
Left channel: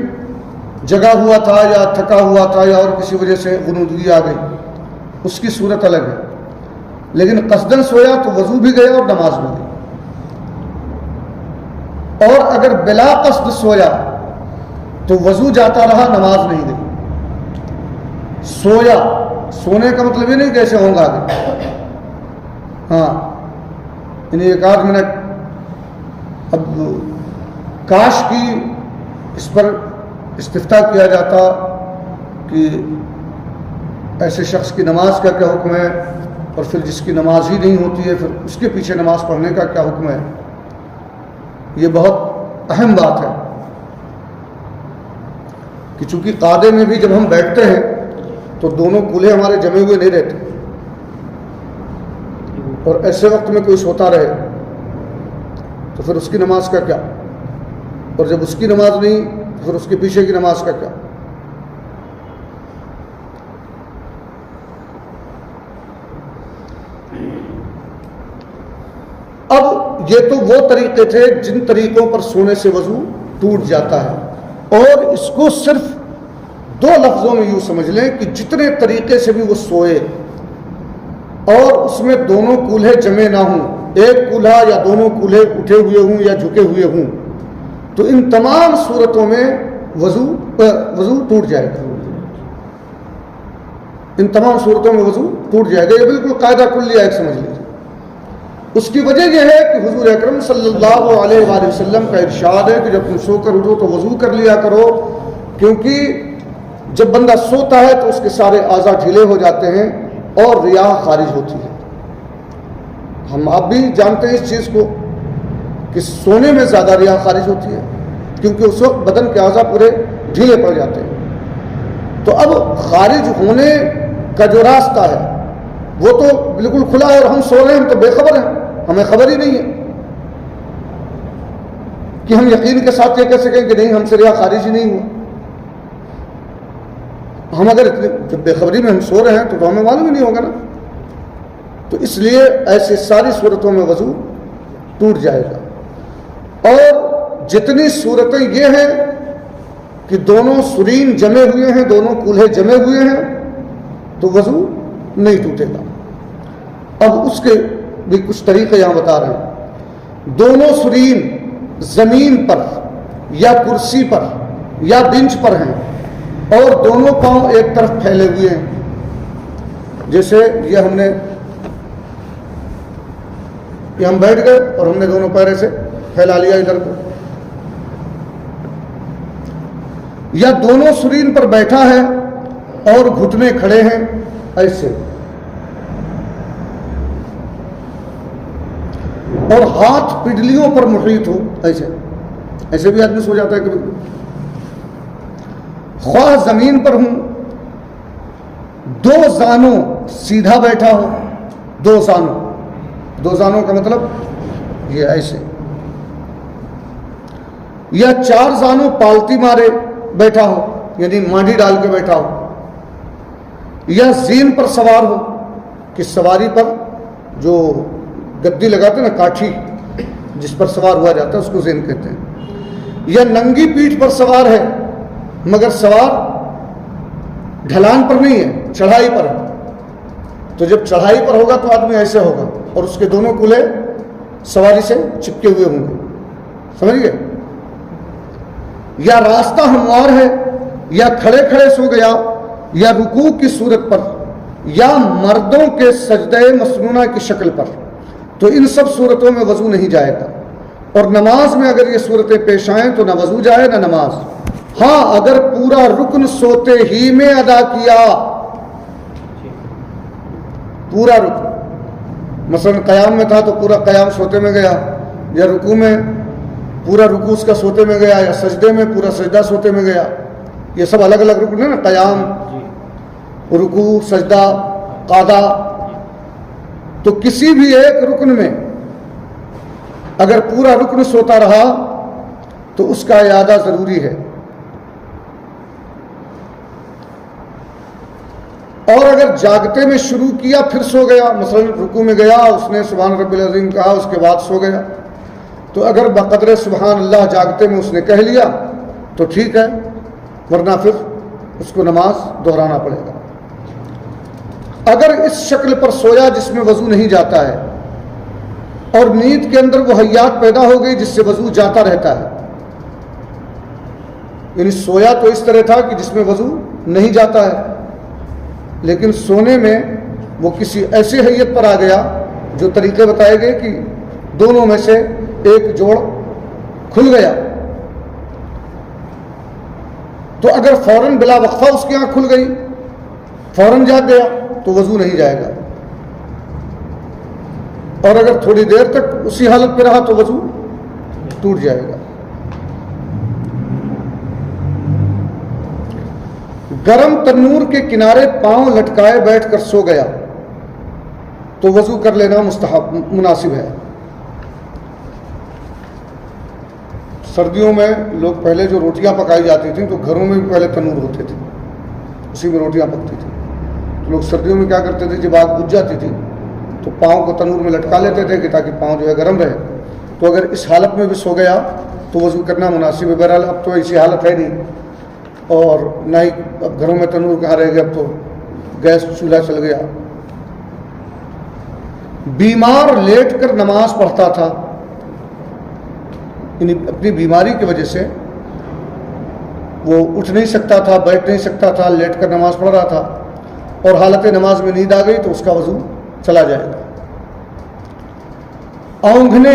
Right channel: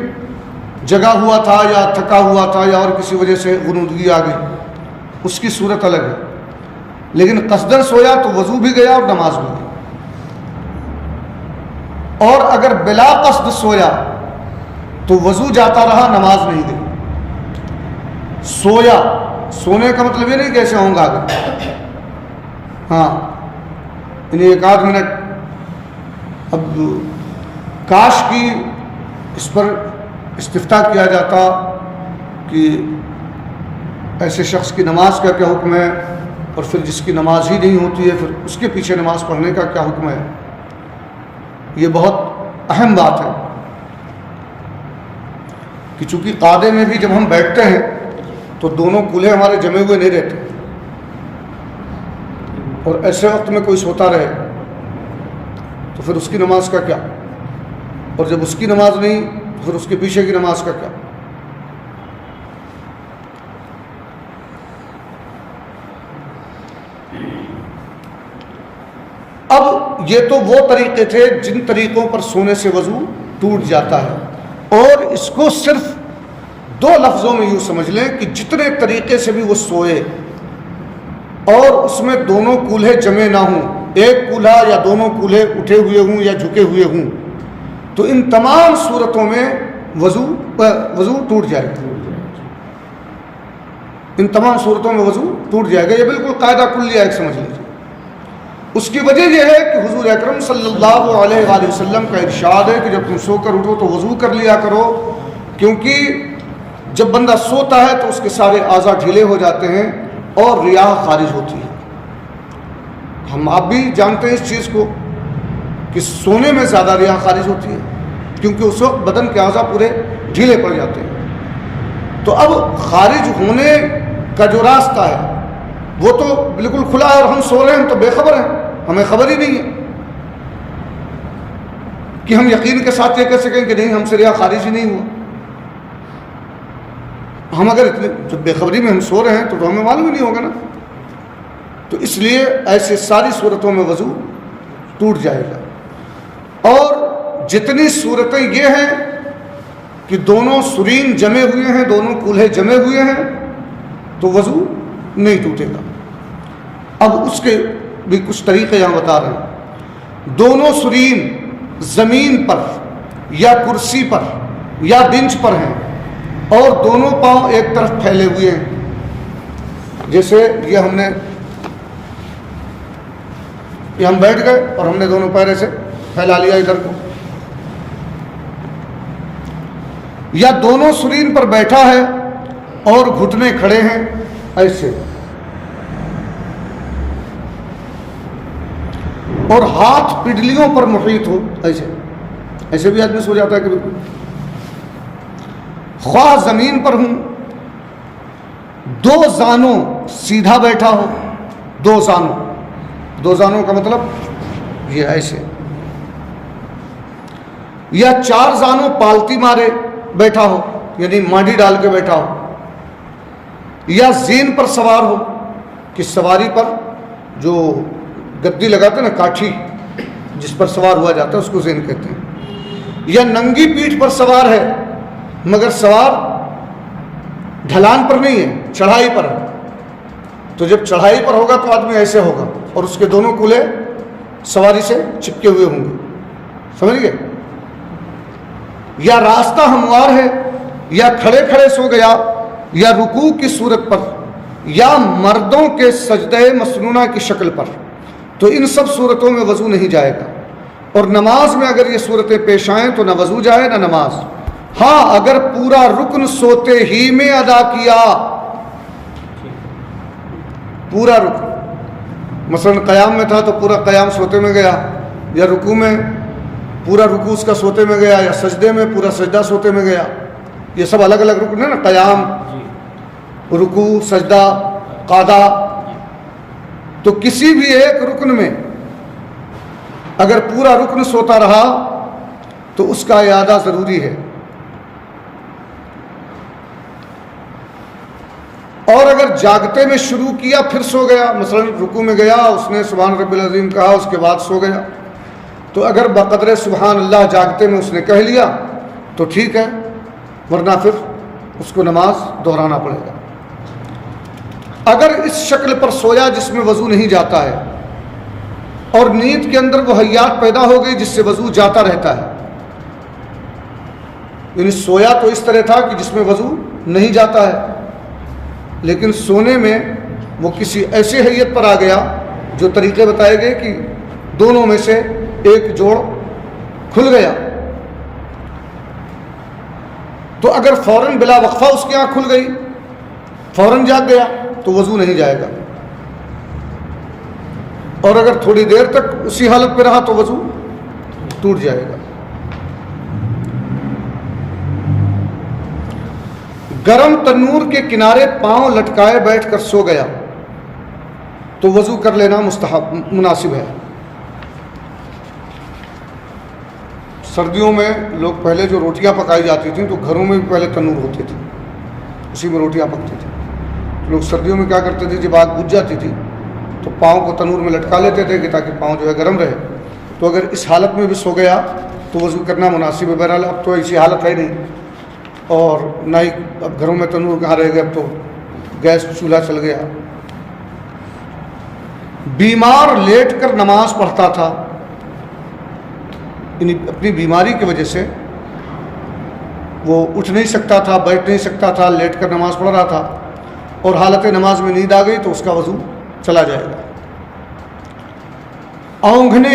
جگا ہوا تھا یا تھکا ہوا تھا یا اور کسی وجہ سے غنودگی آ گئی، اس کی صورت الگ ہے. لیکن قصدن سویا تو وضو بھی گیا اور نماز بھی گئی. اور اگر بلا قصد سویا تو وضو جاتا رہا، نماز نہیں گئی. سویا، سونے کا مطلب یہ نہیں کہ ایسے ہوں گا آگے، ہاں یعنی ایک آدھ منٹ. اب کاش کی اس پر استفتاء کیا جاتا کہ ایسے شخص کی نماز کا کیا حکم ہے، اور پھر جس کی نماز ہی نہیں ہوتی ہے پھر اس کے پیچھے نماز پڑھنے کا کیا حکم ہے. یہ بہت اہم بات ہے کہ چونکہ قعدے میں بھی جب ہم بیٹھتے ہیں تو دونوں کولے ہمارے جمے ہوئے نہیں رہتے، اور ایسے وقت میں کوئی سوتا رہے تو پھر اس کی نماز کا کیا، اور جب اس کی نماز نہیں تو پھر اس کے پیچھے کی نماز کا کیا. اب یہ تو وہ طریقے تھے جن طریقوں پر سونے سے وضو ٹوٹ جاتا ہے، اور اس کو صرف دو لفظوں میں یوں سمجھ لیں کہ جتنے طریقے سے بھی وہ سوئے اور اس میں دونوں کولہے جمع نہ ہوں، ایک کولہا یا دونوں کولہے اٹھے ہوئے ہوں یا جھکے ہوئے ہوں، تو ان تمام صورتوں میں وضو ٹوٹ جائے گا. ان تمام صورتوں میں وضو ٹوٹ جائے گا. یہ بالکل قاعدہ کلیہ ایک سمجھ لیجیے. اس کی وجہ یہ ہے کہ حضور اکرم صلی اللہ علیہ وآلہ وسلم کا ارشاد ہے کہ جب تم سو کر اٹھو تو وضو کر لیا کرو، کیونکہ جب بندہ سوتا ہے تو اس کے سارے اعضاء ڈھیلے ہو جاتے ہیں اور ریاح خارج ہوتی ہے. ہم آپ بھی جانتے ہیں اس چیز کو کہ سونے میں زیادہ ریاح خارج ہوتی ہے، کیونکہ اس وقت بدن کے اعضاء پورے ڈھیلے پڑ جاتے ہیں. تو اب خارج ہونے کا جو راستہ ہے وہ تو بالکل کھلا ہے، اور ہم سو رہے ہیں، ہم تو بے خبر ہیں، ہمیں خبر ہی نہیں ہے کہ ہم یقین کے ساتھ یہ کہہ سکیں کہ نہیں ہم سے ریاح خارج ہی نہیں ہوا. ہم اگر جب بے خبری میں ہم سو رہے ہیں تو ہمیں معلوم ہی نہیں ہوگا نا. تو اس لیے ایسے ساری صورتوں میں وضو ٹوٹ جائے گا. اور جتنی صورتیں یہ ہیں کہ دونوں سرین جمے ہوئے ہیں، دونوں کولہے جمے ہوئے ہیں، تو وضو نہیں ٹوٹے گا. اب اس کے بھی کچھ طریقے یہاں بتا رہے ہیں. دونوں سرین زمین پر یا کرسی پر یا بنچ پر ہیں اور دونوں پاؤں ایک طرف پھیلے ہوئے ہیں، جیسے یہ ہم بیٹھ گئے اور ہم نے دونوں پیر سے پھیلا لیا ادھر کو، یا دونوں سرین پر بیٹھا ہے اور گھٹنے کھڑے ہیں ایسے، اور ہاتھ پڈلیوں پر محیط ہو ایسے. ایسے بھی آدمی سو جاتا ہے کہ خواہ زمین پر ہوں، دو زانوں سیدھا بیٹھا ہو، دو زانوں کا مطلب یہ ایسے، یا چار زانوں پالتی مارے بیٹھا ہو، یعنی ماڈی ڈال کے بیٹھا ہو، یا زین پر سوار ہو کہ سواری پر جو گدی لگاتے ہیں نا، کاٹھی جس پر سوار ہوا جاتا ہے اس کو زین کہتے ہیں، یا ننگی پیٹھ پر سوار ہے مگر سوار ڈھلان پر نہیں ہے، چڑھائی پر ہے. تو جب چڑھائی پر ہوگا تو آدمی ایسے ہوگا اور اس کے دونوں کولے سواری سے چپکے ہوئے ہوں گے. سمجھ گئے؟ یا راستہ ہموار ہے، یا کھڑے کھڑے سو گیا، یا رکوع کی صورت پر، یا مردوں کے سجدہ مسنونہ کی شکل پر، تو ان سب صورتوں میں وضو نہیں جائے گا. اور نماز میں اگر یہ صورتیں پیش آئیں تو نہ وضو جائے نہ نماز. ہاں اگر پورا رکن سوتے ہی میں ادا کیا، پورا رکن، مثلا قیام میں تھا تو پورا قیام سوتے میں گیا، یا رکوع میں پورا رکوع اس کا سوتے میں گیا، یا سجدے میں پورا سجدہ سوتے میں گیا. یہ سب الگ الگ رکن ہیں نا، قیام، رکوع، سجدہ، قعدہ. تو کسی بھی ایک رکن میں اگر پورا رکن سوتا رہا تو اس کا اعادہ ضروری ہے. اور اگر جاگتے میں شروع کیا پھر سو گیا، مثلا رکوع میں گیا، اس نے سبحان رب العظیم کہا، اس کے بعد سو گیا، تو اگر بقدر سبحان اللہ جاگتے میں اس نے کہہ لیا تو ٹھیک ہے، ورنہ پھر اس کو نماز دہرانا پڑے گا. اگر اس شکل پر سویا جس میں وضو نہیں جاتا ہے، اور نیند کے اندر وہ حیات پیدا ہو گئی جس سے وضو جاتا رہتا ہے، یعنی سویا تو اس طرح تھا کہ جس میں وضو نہیں جاتا ہے، لیکن سونے میں وہ کسی ایسی حیت پر آ گیا جو طریقے بتائے گئے کہ دونوں میں سے ایک جوڑ کھل گیا، تو اگر فوراً بلا وقفہ اس کی آنکھ کھل گئی، فوراً جاگ گیا، تو وضو نہیں جائے گا. اور اگر تھوڑی دیر تک اسی حالت پہ رہا تو وضو ٹوٹ جائے گا. گرم تنور کے کنارے پاؤں لٹکائے بیٹھ کر سو گیا تو وضو کر لینا مستحب مناسب ہے. سردیوں میں لوگ پہلے جو روٹیاں پکائی جاتی تھیں تو گھروں میں بھی پہلے تنور ہوتے تھے، اسی میں روٹیاں پکتی تھیں. لوگ سردیوں میں کیا کرتے تھے، جب آگ بجھ جاتی تھی تو پاؤں کو تنور میں لٹکا لیتے تھے کہ تاکہ پاؤں جو ہے گرم رہے. تو اگر اس حالت میں بھی سو گیا تو وضو کرنا مناسب ہے. بہرحال اب تو ایسی حالت ہے نہیں، اور نہ ہی اب گھروں میں تنور کہاں رہ گیا، اب تو گیس چولہا چل گیا. بیمار لیٹ کر نماز پڑھتا تھا، یعنی اپنی بیماری کی وجہ سے وہ اٹھ نہیں سکتا تھا، بیٹھ نہیں سکتا تھا، لیٹ کر نماز پڑھ رہا تھا، اور حالت نماز میں نیند آ گئی تو اس کا وضو چلا جائے گا. اونگھنے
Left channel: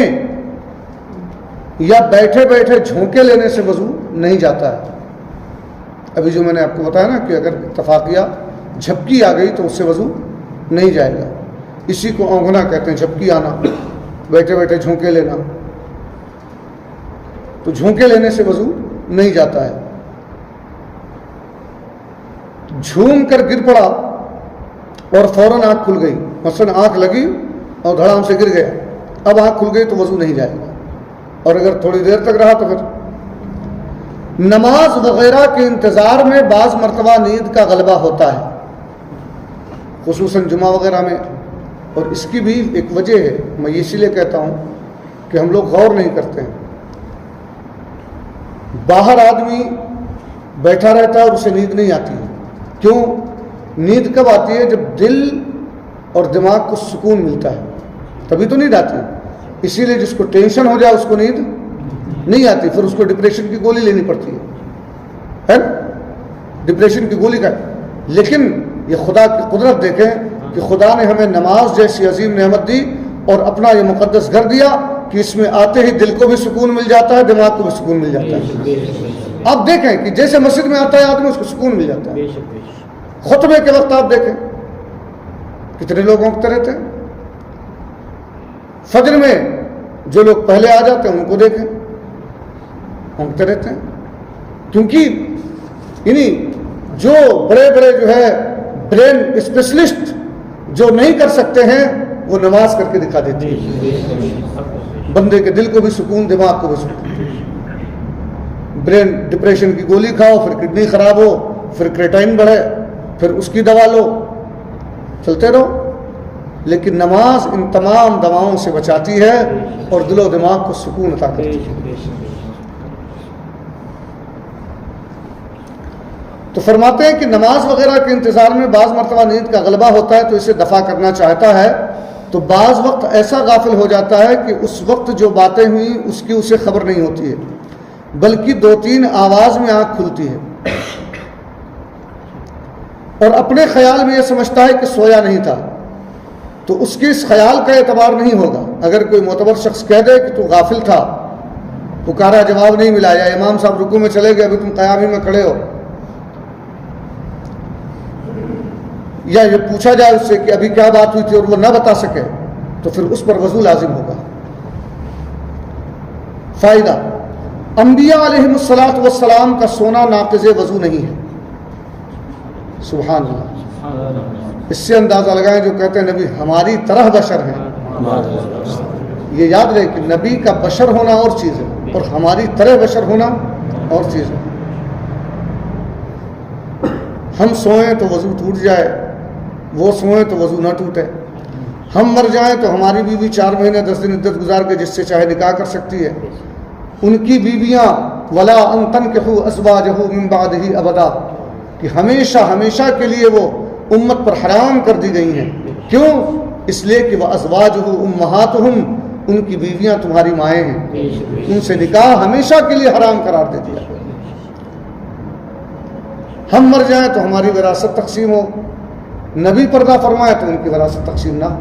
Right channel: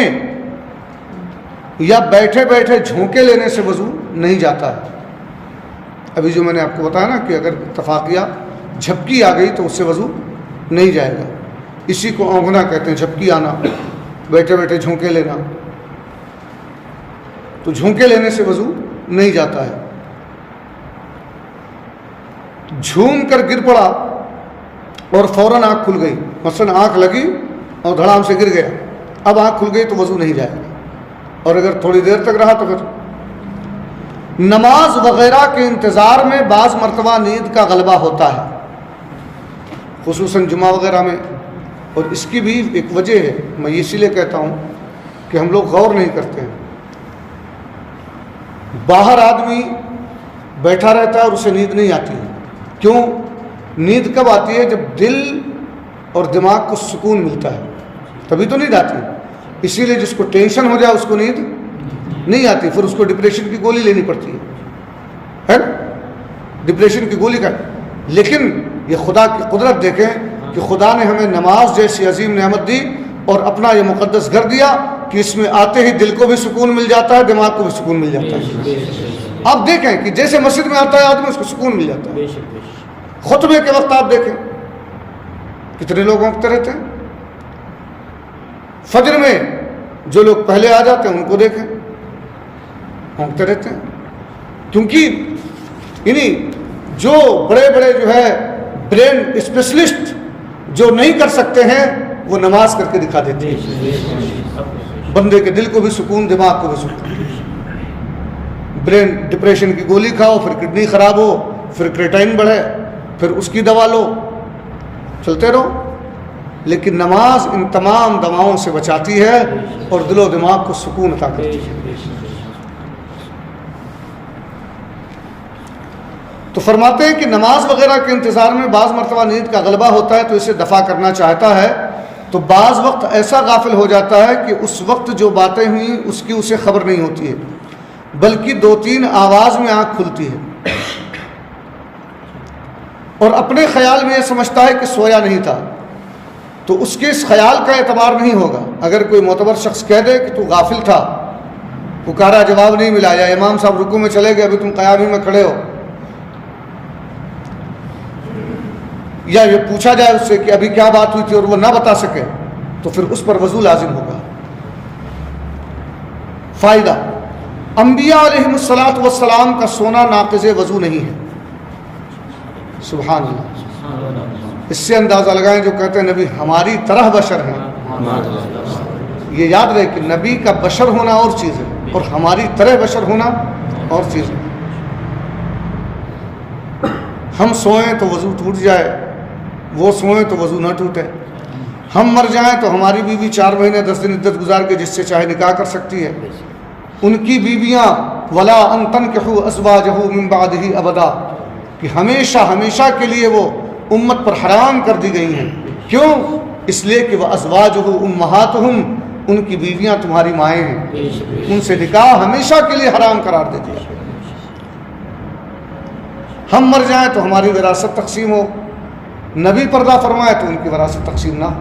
یا بیٹھے بیٹھے جھونکے لینے سے وضو نہیں جاتا ہے. ابھی جو میں نے آپ کو بتایا نا کہ اگر اتفاقیہ جھپکی آ گئی تو اس سے وضو نہیں جائے گا. اسی کو اونگھنا کہتے ہیں، جھپکی آنا، بیٹھے بیٹھے جھونکے لینا. تو جھونکے لینے سے وضو نہیں جاتا ہے. جھوم کر گر پڑا اور فوراً آنکھ کھل گئی، مثلا آنکھ لگی اور دھڑام سے گر گیا، اب آنکھ کھل گئی تو وضو نہیں جائے گا. اور اگر تھوڑی دیر تک رہا تو پھر. نماز وغیرہ کے انتظار میں بعض مرتبہ نیند کا غلبہ ہوتا ہے، خصوصاً جمعہ وغیرہ میں، اور اس کی بھی ایک وجہ ہے. میں اسی لیے کہتا ہوں کہ ہم لوگ غور نہیں کرتے ہیں. باہر آدمی بیٹھا رہتا ہے اور اسے نیند نہیں آتی ہے. کیوں؟ نیند کب آتی ہے؟ جب دل اور دماغ کو سکون ملتا ہے، تبھی تو نیند آتی ہے. اسی لیے جس کو ٹینشن ہو جائے اس کو نیند نہیں آتی، پھر اس کو ڈپریشن کی گولی لینی پڑتی ہے، ڈپریشن کی گولی کا. لیکن یہ خدا کی قدرت دیکھیں کہ خدا نے ہمیں نماز جیسی عظیم نعمت دی اور اپنا یہ مقدس گھر دیا کہ اس میں آتے ہی دل کو بھی سکون مل جاتا ہے، دماغ کو بھی سکون مل جاتا ہے. آپ دیکھیں کہ جیسے مسجد میں آتا ہے آدمی اس کو سکون مل جاتا ہے. خطبے کے وقت آپ دیکھیں کتنے لوگ ہونکتے رہتے ہیں. فجر میں جو لوگ پہلے آ جاتے ہیں ان کو دیکھیں ہونکتے رہتے ہیں. کیونکہ یعنی جو بڑے بڑے جو ہے برین اسپیشلسٹ جو نہیں کر سکتے ہیں وہ نماز کر کے دکھا دیتے ہیں. بندے کے دل کو بھی سکون، دماغ کو بھی سکون. برین ڈپریشن کی گولی کھاؤ، پھر کڈنی خراب ہو، پھر کریٹائن بڑھے، پھر اس کی دوا لو، چلتے رہو. لیکن نماز ان تمام دواؤں سے بچاتی ہے اور دل و دماغ کو سکون عطا کرتی ہے. تو فرماتے ہیں کہ نماز وغیرہ کے انتظار میں بعض مرتبہ نیند کا غلبہ ہوتا ہے تو اسے دفع کرنا چاہتا ہے، تو بعض وقت ایسا غافل ہو جاتا ہے کہ اس وقت جو باتیں ہوئیں اس کی اسے خبر نہیں ہوتی ہے، بلکہ 2-3 آواز میں آنکھ کھلتی ہے اور اپنے خیال میں یہ سمجھتا ہے کہ سویا نہیں تھا، تو اس کے اس خیال کا اعتبار نہیں ہوگا۔ اگر کوئی معتبر شخص کہہ دے کہ تو غافل تھا، پکارا جواب نہیں ملا، یا امام صاحب رکوع میں چلے گئے ابھی تم قیام ہی میں کھڑے ہو، یا یہ پوچھا جائے اس سے کہ ابھی کیا بات ہوئی تھی اور وہ نہ بتا سکے، تو پھر اس پر وضو لازم ہوگا۔ فائدہ: انبیاء علیہ السلام کا سونا ناقض وضو نہیں ہے۔ سبحان اللہ۔ اس سے اندازہ لگائیں جو کہتے ہیں نبی ہماری طرح بشر ہیں، یہ یاد رہے کہ نبی کا بشر ہونا اور چیز ہے اور ہماری طرح بشر ہونا اور چیز ہے۔ ہم سوئیں تو وضو ٹوٹ جائے، وہ سوئیں تو وضو نہ ٹوٹے، ہم مر جائیں تو ہماری بیوی 4 مہینے 10 دن عدت گزار کے جس سے چاہے نکاح کر سکتی ہے، ان کی بیویاں ولا ان تنکحوا ازواجہ من بعدہ ابدا، کہ ہمیشہ ہمیشہ کے لیے وہ امت پر حرام کر دی گئی ہیں۔ کیوں؟ اس لیے کہ وہ ازواجہ امہاتہم، ان کی بیویاں تمہاری مائیں ہیں، ان سے نکاح ہمیشہ کے لیے حرام قرار دے دیا۔ ہم مر جائیں تو ہماری وراثت تقسیم ہو، نبی پردہ فرمائے تو ان کی وراثت تقسیم نہ ہو۔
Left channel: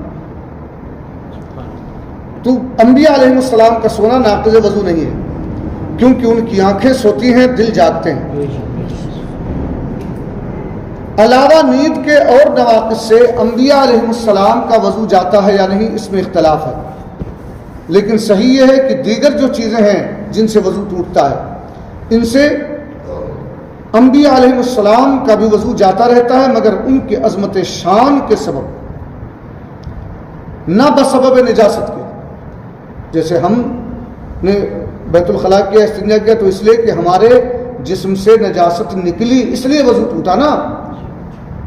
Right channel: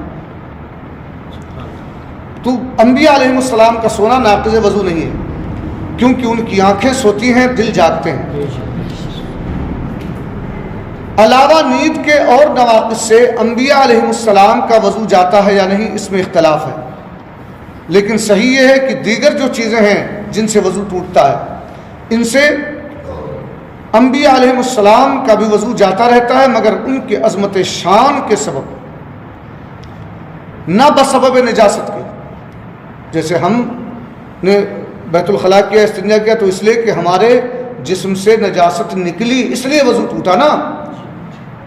تو انبیاء علیہ السلام کا سونا ناقض وضو نہیں ہے، کیونکہ ان کی آنکھیں سوتی ہیں، دل جاگتے ہیں۔ علاوہ نیند کے اور نواقص سے انبیاء علیہ السلام کا وضو جاتا ہے یا نہیں، اس میں اختلاف ہے، لیکن صحیح یہ ہے کہ دیگر جو چیزیں ہیں جن سے وضو ٹوٹتا ہے، ان سے انبیاء علیہ السلام کا بھی وضو جاتا رہتا ہے، مگر ان کے عظمت شان کے سبب، نہ بسبب نجاست کے۔ جیسے ہم نے بیت الخلاء کیا، استنجا کیا، تو اس لیے کہ ہمارے جسم سے نجاست نکلی، اس لیے وضو ٹوٹا نا،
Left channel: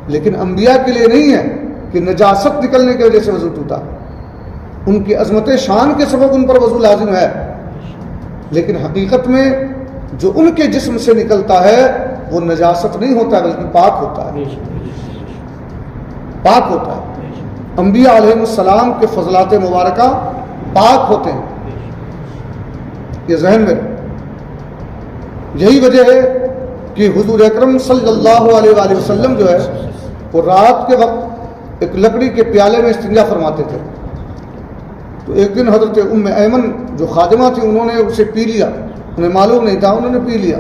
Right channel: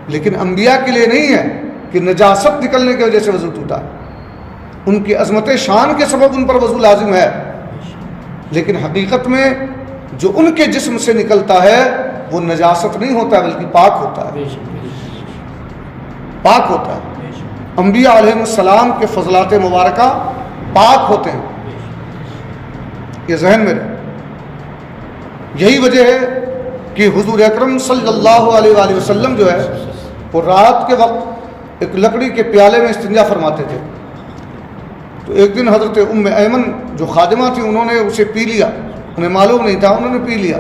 لیکن انبیاء کے لیے نہیں ہے کہ نجاست نکلنے کی وجہ سے وضو ٹوٹا، ان کی عظمت شان کے سبب ان پر وضو لازم ہے، لیکن حقیقت میں جو ان کے جسم سے نکلتا ہے وہ نجاست نہیں ہوتا بلکہ پاک ہوتا ہے، پاک ہوتا ہے۔ انبیاء علیہ السلام کے فضلات مبارکہ پاک ہوتے ہیں، یہ ذہن میں رہے۔ یہی وجہ ہے کہ حضور اکرم صلی اللہ علیہ وآلہ وسلم جو ہے وہ رات کے وقت ایک لکڑی کے پیالے میں استنجا فرماتے تھے، تو ایک دن حضرت ام ایمن جو خادمہ تھی انہوں نے اسے پی لیا، انہیں معلوم نہیں تھا، انہوں نے پی لیا۔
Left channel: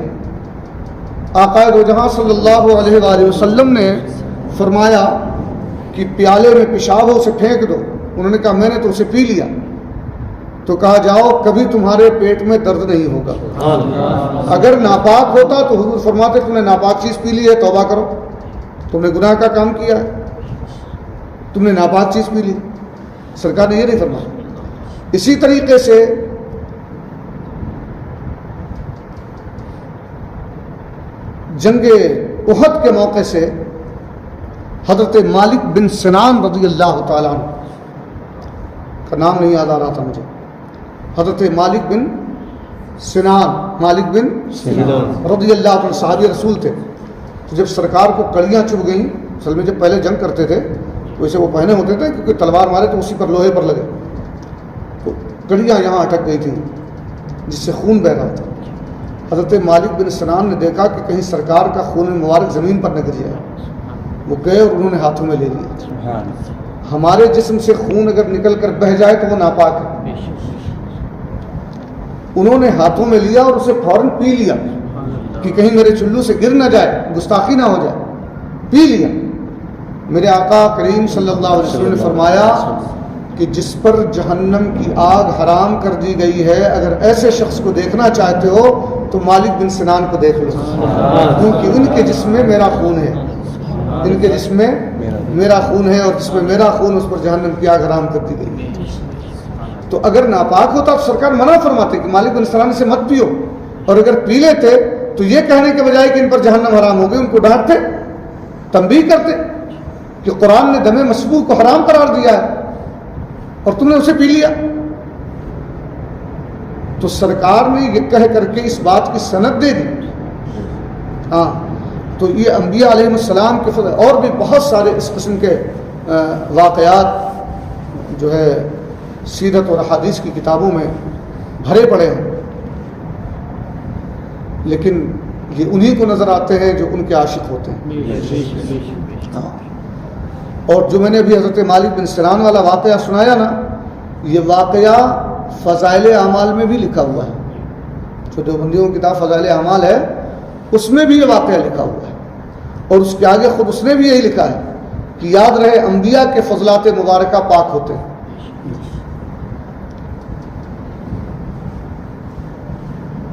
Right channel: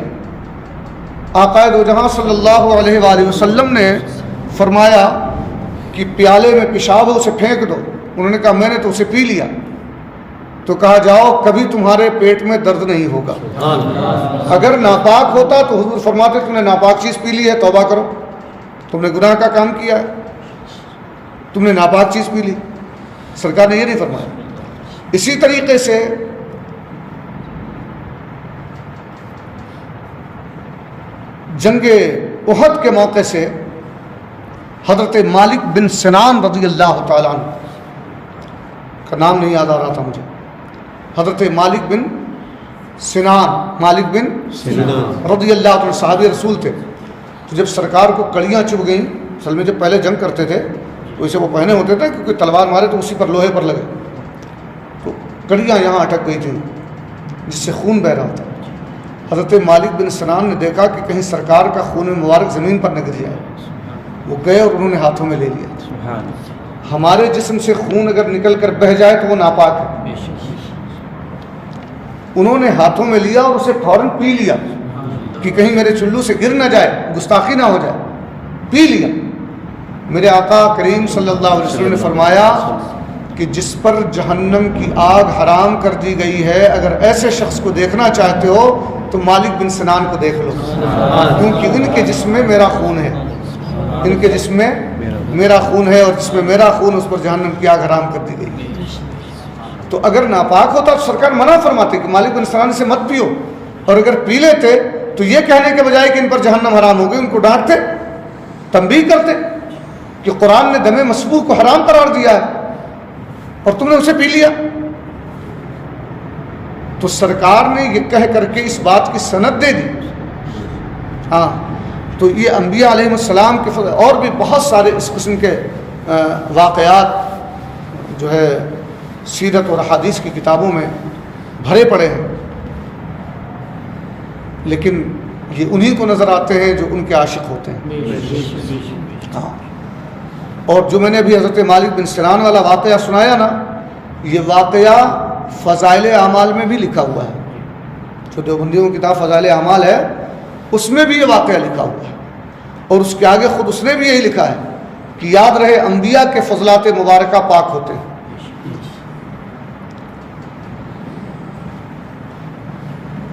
آقا دو جہاں صلی اللہ علیہ وآلہ وسلم نے فرمایا کہ پیالے میں پیشاب ہے اسے پھینک دو، انہوں نے کہا میں نے تو اسے پی لیا، تو کہا جاؤ کبھی تمہارے پیٹ میں درد نہیں ہوگا۔ اگر ناپاک ہوتا تو حضور فرماتے تم نے ناپاک چیز پی لی ہے، توبہ کرو، تم نے گناہ کا کام کیا ہے، تم نے ناپاک چیز پی لی۔ سرکار نے یہ نہیں فرمایا۔ اسی طریقے سے جنگ احد کے موقع سے حضرت مالک بن سنان رضی اللہ تعالیٰ عنہ کا نام نہیں یاد آ رہا تھا مجھے، حضرت مالک بن سنان رضی اللہ عنہ صحابی رسول تھے، تو جب سرکار کو کڑیاں چبھ گئیں، اصل میں جب پہلے جنگ کرتے تھے تو اسے وہ پہنے ہوتے تھے کیونکہ تلوار مارے تو اسی پر لوہے پر لگے، تو کڑیاں یہاں اٹک گئی تھیں جس سے خون بہہ رہا تھا۔ حضرت مالک بن سنان نے دیکھا کہ کہیں سرکار کا خون مبارک زمین پر نہ گر جائے، وہ گئے اور انہوں نے ہاتھوں میں لے لیا۔ ہمارے جسم سے خون اگر نکل کر بہہ جائے تو وہ ناپاک ہے، انہوں نے ہاتھوں میں لیا اور اسے فوراً پی لیا کہ کہیں میرے چلو سے گر نہ جائے، گستاخی نہ ہو جائے، پی لیا۔ میرے آقا کریم صلی اللہ علیہ وسلم نے فرمایا کہ جس پر جہنم کی آگ حرام کر دی گئی ہے، اگر ایسے شخص کو دیکھنا چاہتے ہو تو مالک بن سنان کو دیکھ لو، کیونکہ ان کے جسم میں میرا خون ہے، ان کے جسم میں میرا خون ہے، اور جس میں میرا خون اس پر جہنم کی آگ حرام کر دی گئی۔ تو اگر ناپاک ہوتا تو سرکار منع فرماتے کہ مالک بن سنان سے مت پیو، اور اگر پی لیتے تو یہ کہنے کے بجائے کہ ان پر جہنم حرام ہو گئی، ان کو ڈانٹتے، تنبیہ کرتے کہ قرآن نے دم مسفوح کو حرام قرار دیا ہے اور تم نے اسے پی لیا۔ تو سرکار نے یہ کہہ کر کے اس بات کی سند دے دی۔ ہاں، تو یہ انبیاء علیہ السلام کے فضل، اور بھی بہت سارے اس قسم کے واقعات جو ہے سیرت اور حدیث کی کتابوں میں بھرے پڑے ہیں، لیکن یہ انہی کو نظر آتے ہیں جو ان کے عاشق ہوتے ہیں۔ ہاں، اور جو میں نے ابھی حضرت مالک بن سنان والا واقعہ سنایا نا، یہ واقعہ فضائل اعمال میں بھی لکھا ہوا ہے، جو دیوبندیوں کی کتاب فضائل اعمال ہے اس میں بھی یہ واقعہ لکھا ہوا ہے، اور اس کے آگے خود اس نے بھی یہی لکھا ہے کہ یاد رہے انبیاء کے فضلات مبارکہ پاک ہوتے ہیں۔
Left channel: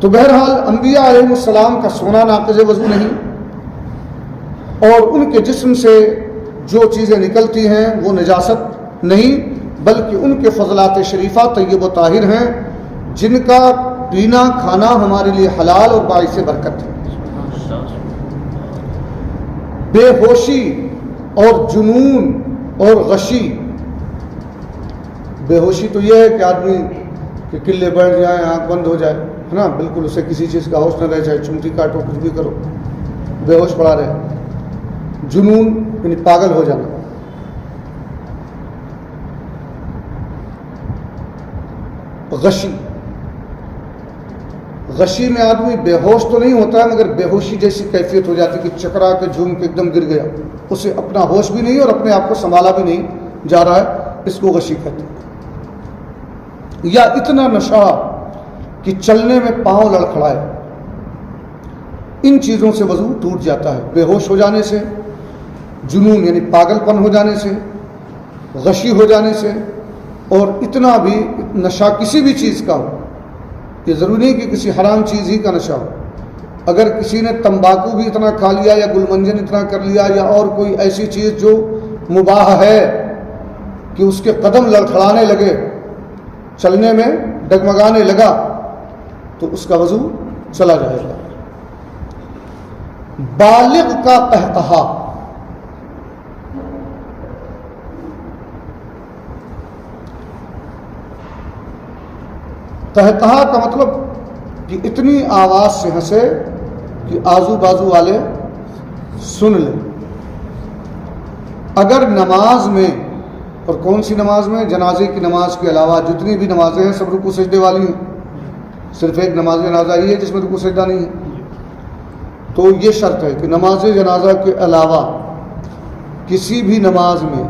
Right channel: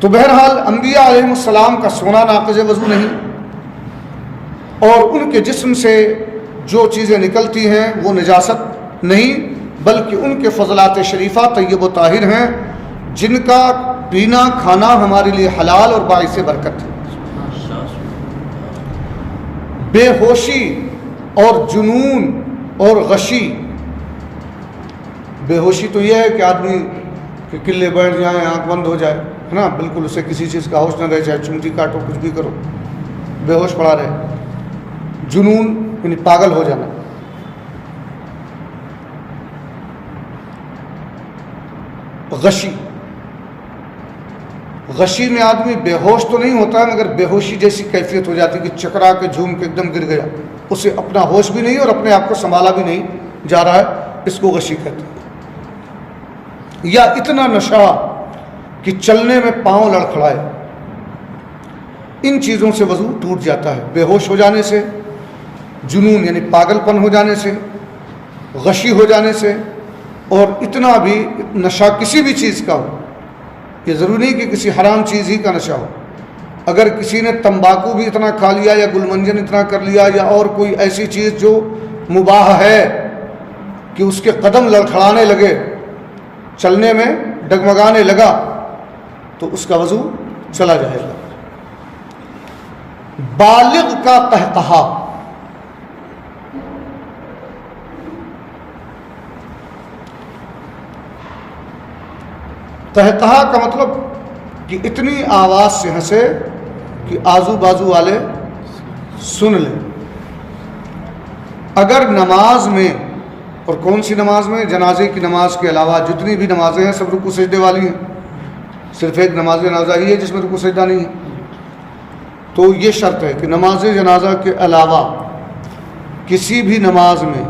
تو بہرحال انبیاء علیہ السلام کا سونا ناقض وضو نہیں، اور ان کے جسم سے جو چیزیں نکلتی ہیں وہ نجاست نہیں، بلکہ ان کے فضلات شریفہ طیب و طاہر ہیں، جن کا پینا کھانا ہمارے لیے حلال اور باعث برکت ہے۔ بے ہوشی اور جنون اور غشی، بے ہوشی تو یہ ہے کہ آدمی کے قلے بیٹھ جائیں، آنکھ بند ہو جائے، ہے نا، بالکل اسے کسی چیز کا ہوش نہ رہے، چاہے چمٹی کاٹو کچھ بھی کرو، بے ہوش پڑا رہے۔ جنون یعنی پاگل ہو جانا۔ غشی، غشی میں آدمی بے ہوش تو نہیں ہوتا مگر بے ہوشی جیسی کیفیت ہو جاتی کہ چکرا کے جھوم کے ایک دم گر گیا، اسے اپنا ہوش بھی نہیں اور اپنے آپ کو سنبھالا بھی نہیں جا رہا ہے، اس کو غشی کہتے ہیں۔ یا اتنا نشہ کہ چلنے میں پاؤں لڑکھڑائے، ان چیزوں سے وضو ٹوٹ جاتا ہے، بے ہوش ہو جانے سے، جنون یعنی پاگل پن ہو جانے سے، غشی ہو جانے سے، اور اتنا بھی نشہ کسی بھی چیز کا ہو، یہ ضروری نہیں کہ کسی حرام چیز ہی کا نشہ ہو، اگر کسی نے تمباکو بھی اتنا کھا لیا یا گل منجن اتنا کر لیا یا اور کوئی ایسی چیز جو مباح ہے کہ اس کے قدم لڑکھڑانے لگے، چلنے میں ڈگمگانے لگا، تو اس کا وضو چلا جائے گا۔ بالغ کا قہقہا، قہقہا کا مطلب کہ اتنی آواز سے ہنسے کہ آزو بازو والے سن لیں۔ اگر نماز میں، اور کون سی نماز میں؟ جنازے کی نماز کے علاوہ جتنی بھی نمازیں ہیں سب رکوع سجدے والی ہیں، صرف ایک نماز جنازہ ہی ہے جس میں رکوع سجدہ نہیں ہے۔ تو یہ شرط ہے کہ نماز جنازہ کے علاوہ کسی بھی نماز میں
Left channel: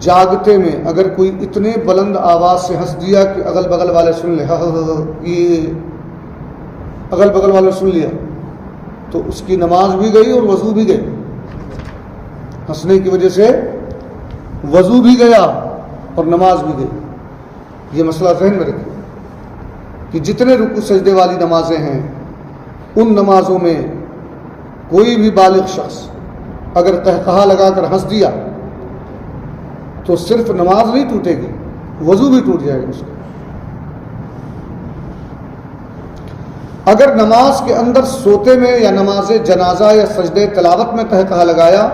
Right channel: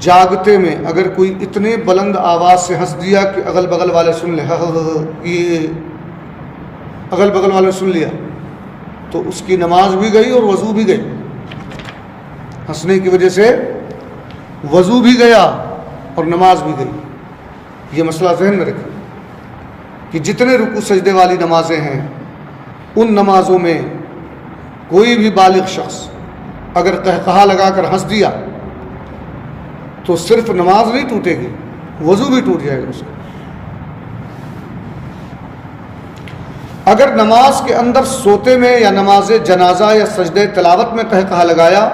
جاگتے میں اگر کوئی اتنے بلند آواز سے ہنس دیا کہ اگل بغل والے سن لے، یہ اگل بغل والے سن لیا، تو اس کی نماز بھی گئی اور وضو بھی گئی، ہنسنے کی وجہ سے وضو بھی گیا اور نماز بھی گئی۔ یہ مسئلہ ذہن میں رکھیں کہ جتنے رکوع سجدے والی نمازیں ہیں ان نمازوں میں کوئی بھی بالغ شخص اگر قہقہا لگا کر ہنس دیا تو صرف نماز نہیں ٹوٹے گی، وضو بھی ٹوٹ جائے گا اس کا۔ اگر نماز کے اندر سوتے میں یا نماز جنازہ یا سجدے تلاوت میں قہقہا لگایا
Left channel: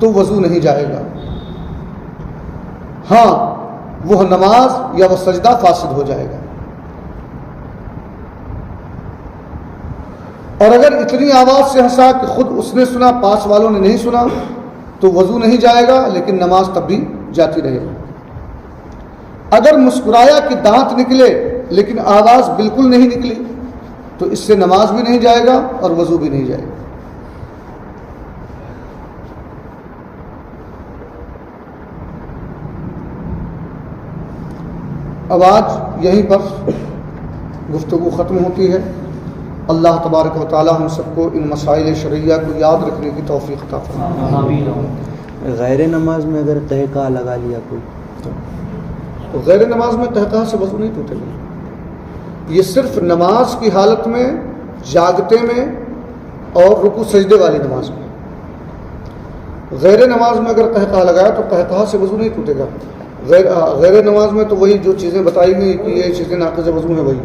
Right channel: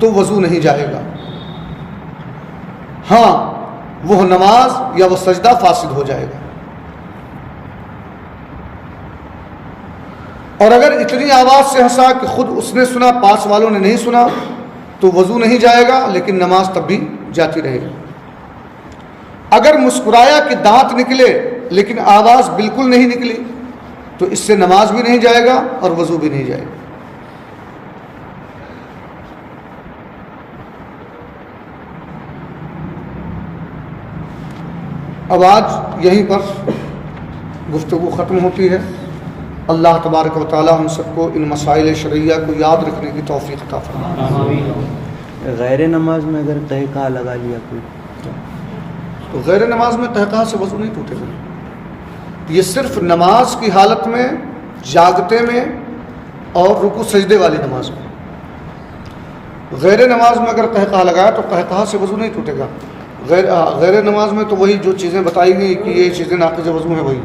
تو وضو نہیں جائے گا، ہاں وہ نماز یا وہ سجدہ فاسد ہو جائے گا۔ اور اگر اتنی آواز سے ہنسا کہ خود اس نے سنا، پاس والوں نے نہیں سنا، تو وضو نہیں جائے گا لیکن نماز تب بھی جاتی رہے گی۔ اگر مسکرایا کہ دانت نکلے لیکن آواز بالکل نہیں نکلی تو اس سے نماز بھی نہیں جائے گا اور وضو بھی نہیں جائے گا۔ اب آج یہیں پر گفتگو ختم ہوتی ہے۔ اللہ تبارک و تعالی ہم سب کو ان مسائل شرعیہ کو یاد رکھنے کی توفیق عطا فرمائے۔ غیر نماز میں اگر قہقہا لگا لیا کوئی تو غیر نماز میں قہقہا سے وضو نہیں ٹوٹے گا۔ یہ صرف نماز کی حالت میں، جاگتے میں اور رکوع سجدے والی نماز میں۔ غیر نماز میں اگر قہقہا لگایا تو قہقہا سے وضو نہیں ٹوٹے گا۔ غیر نماز میں تو وہی جو چیزیں بتائی گئی کہ یہ چیزیں ناقض وضو ہیں، وہی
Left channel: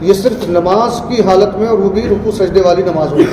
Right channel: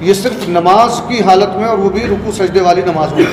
یہ صرف نماز کی حالت میں اور وہ بھی رکوع سجدے والی نماز میں۔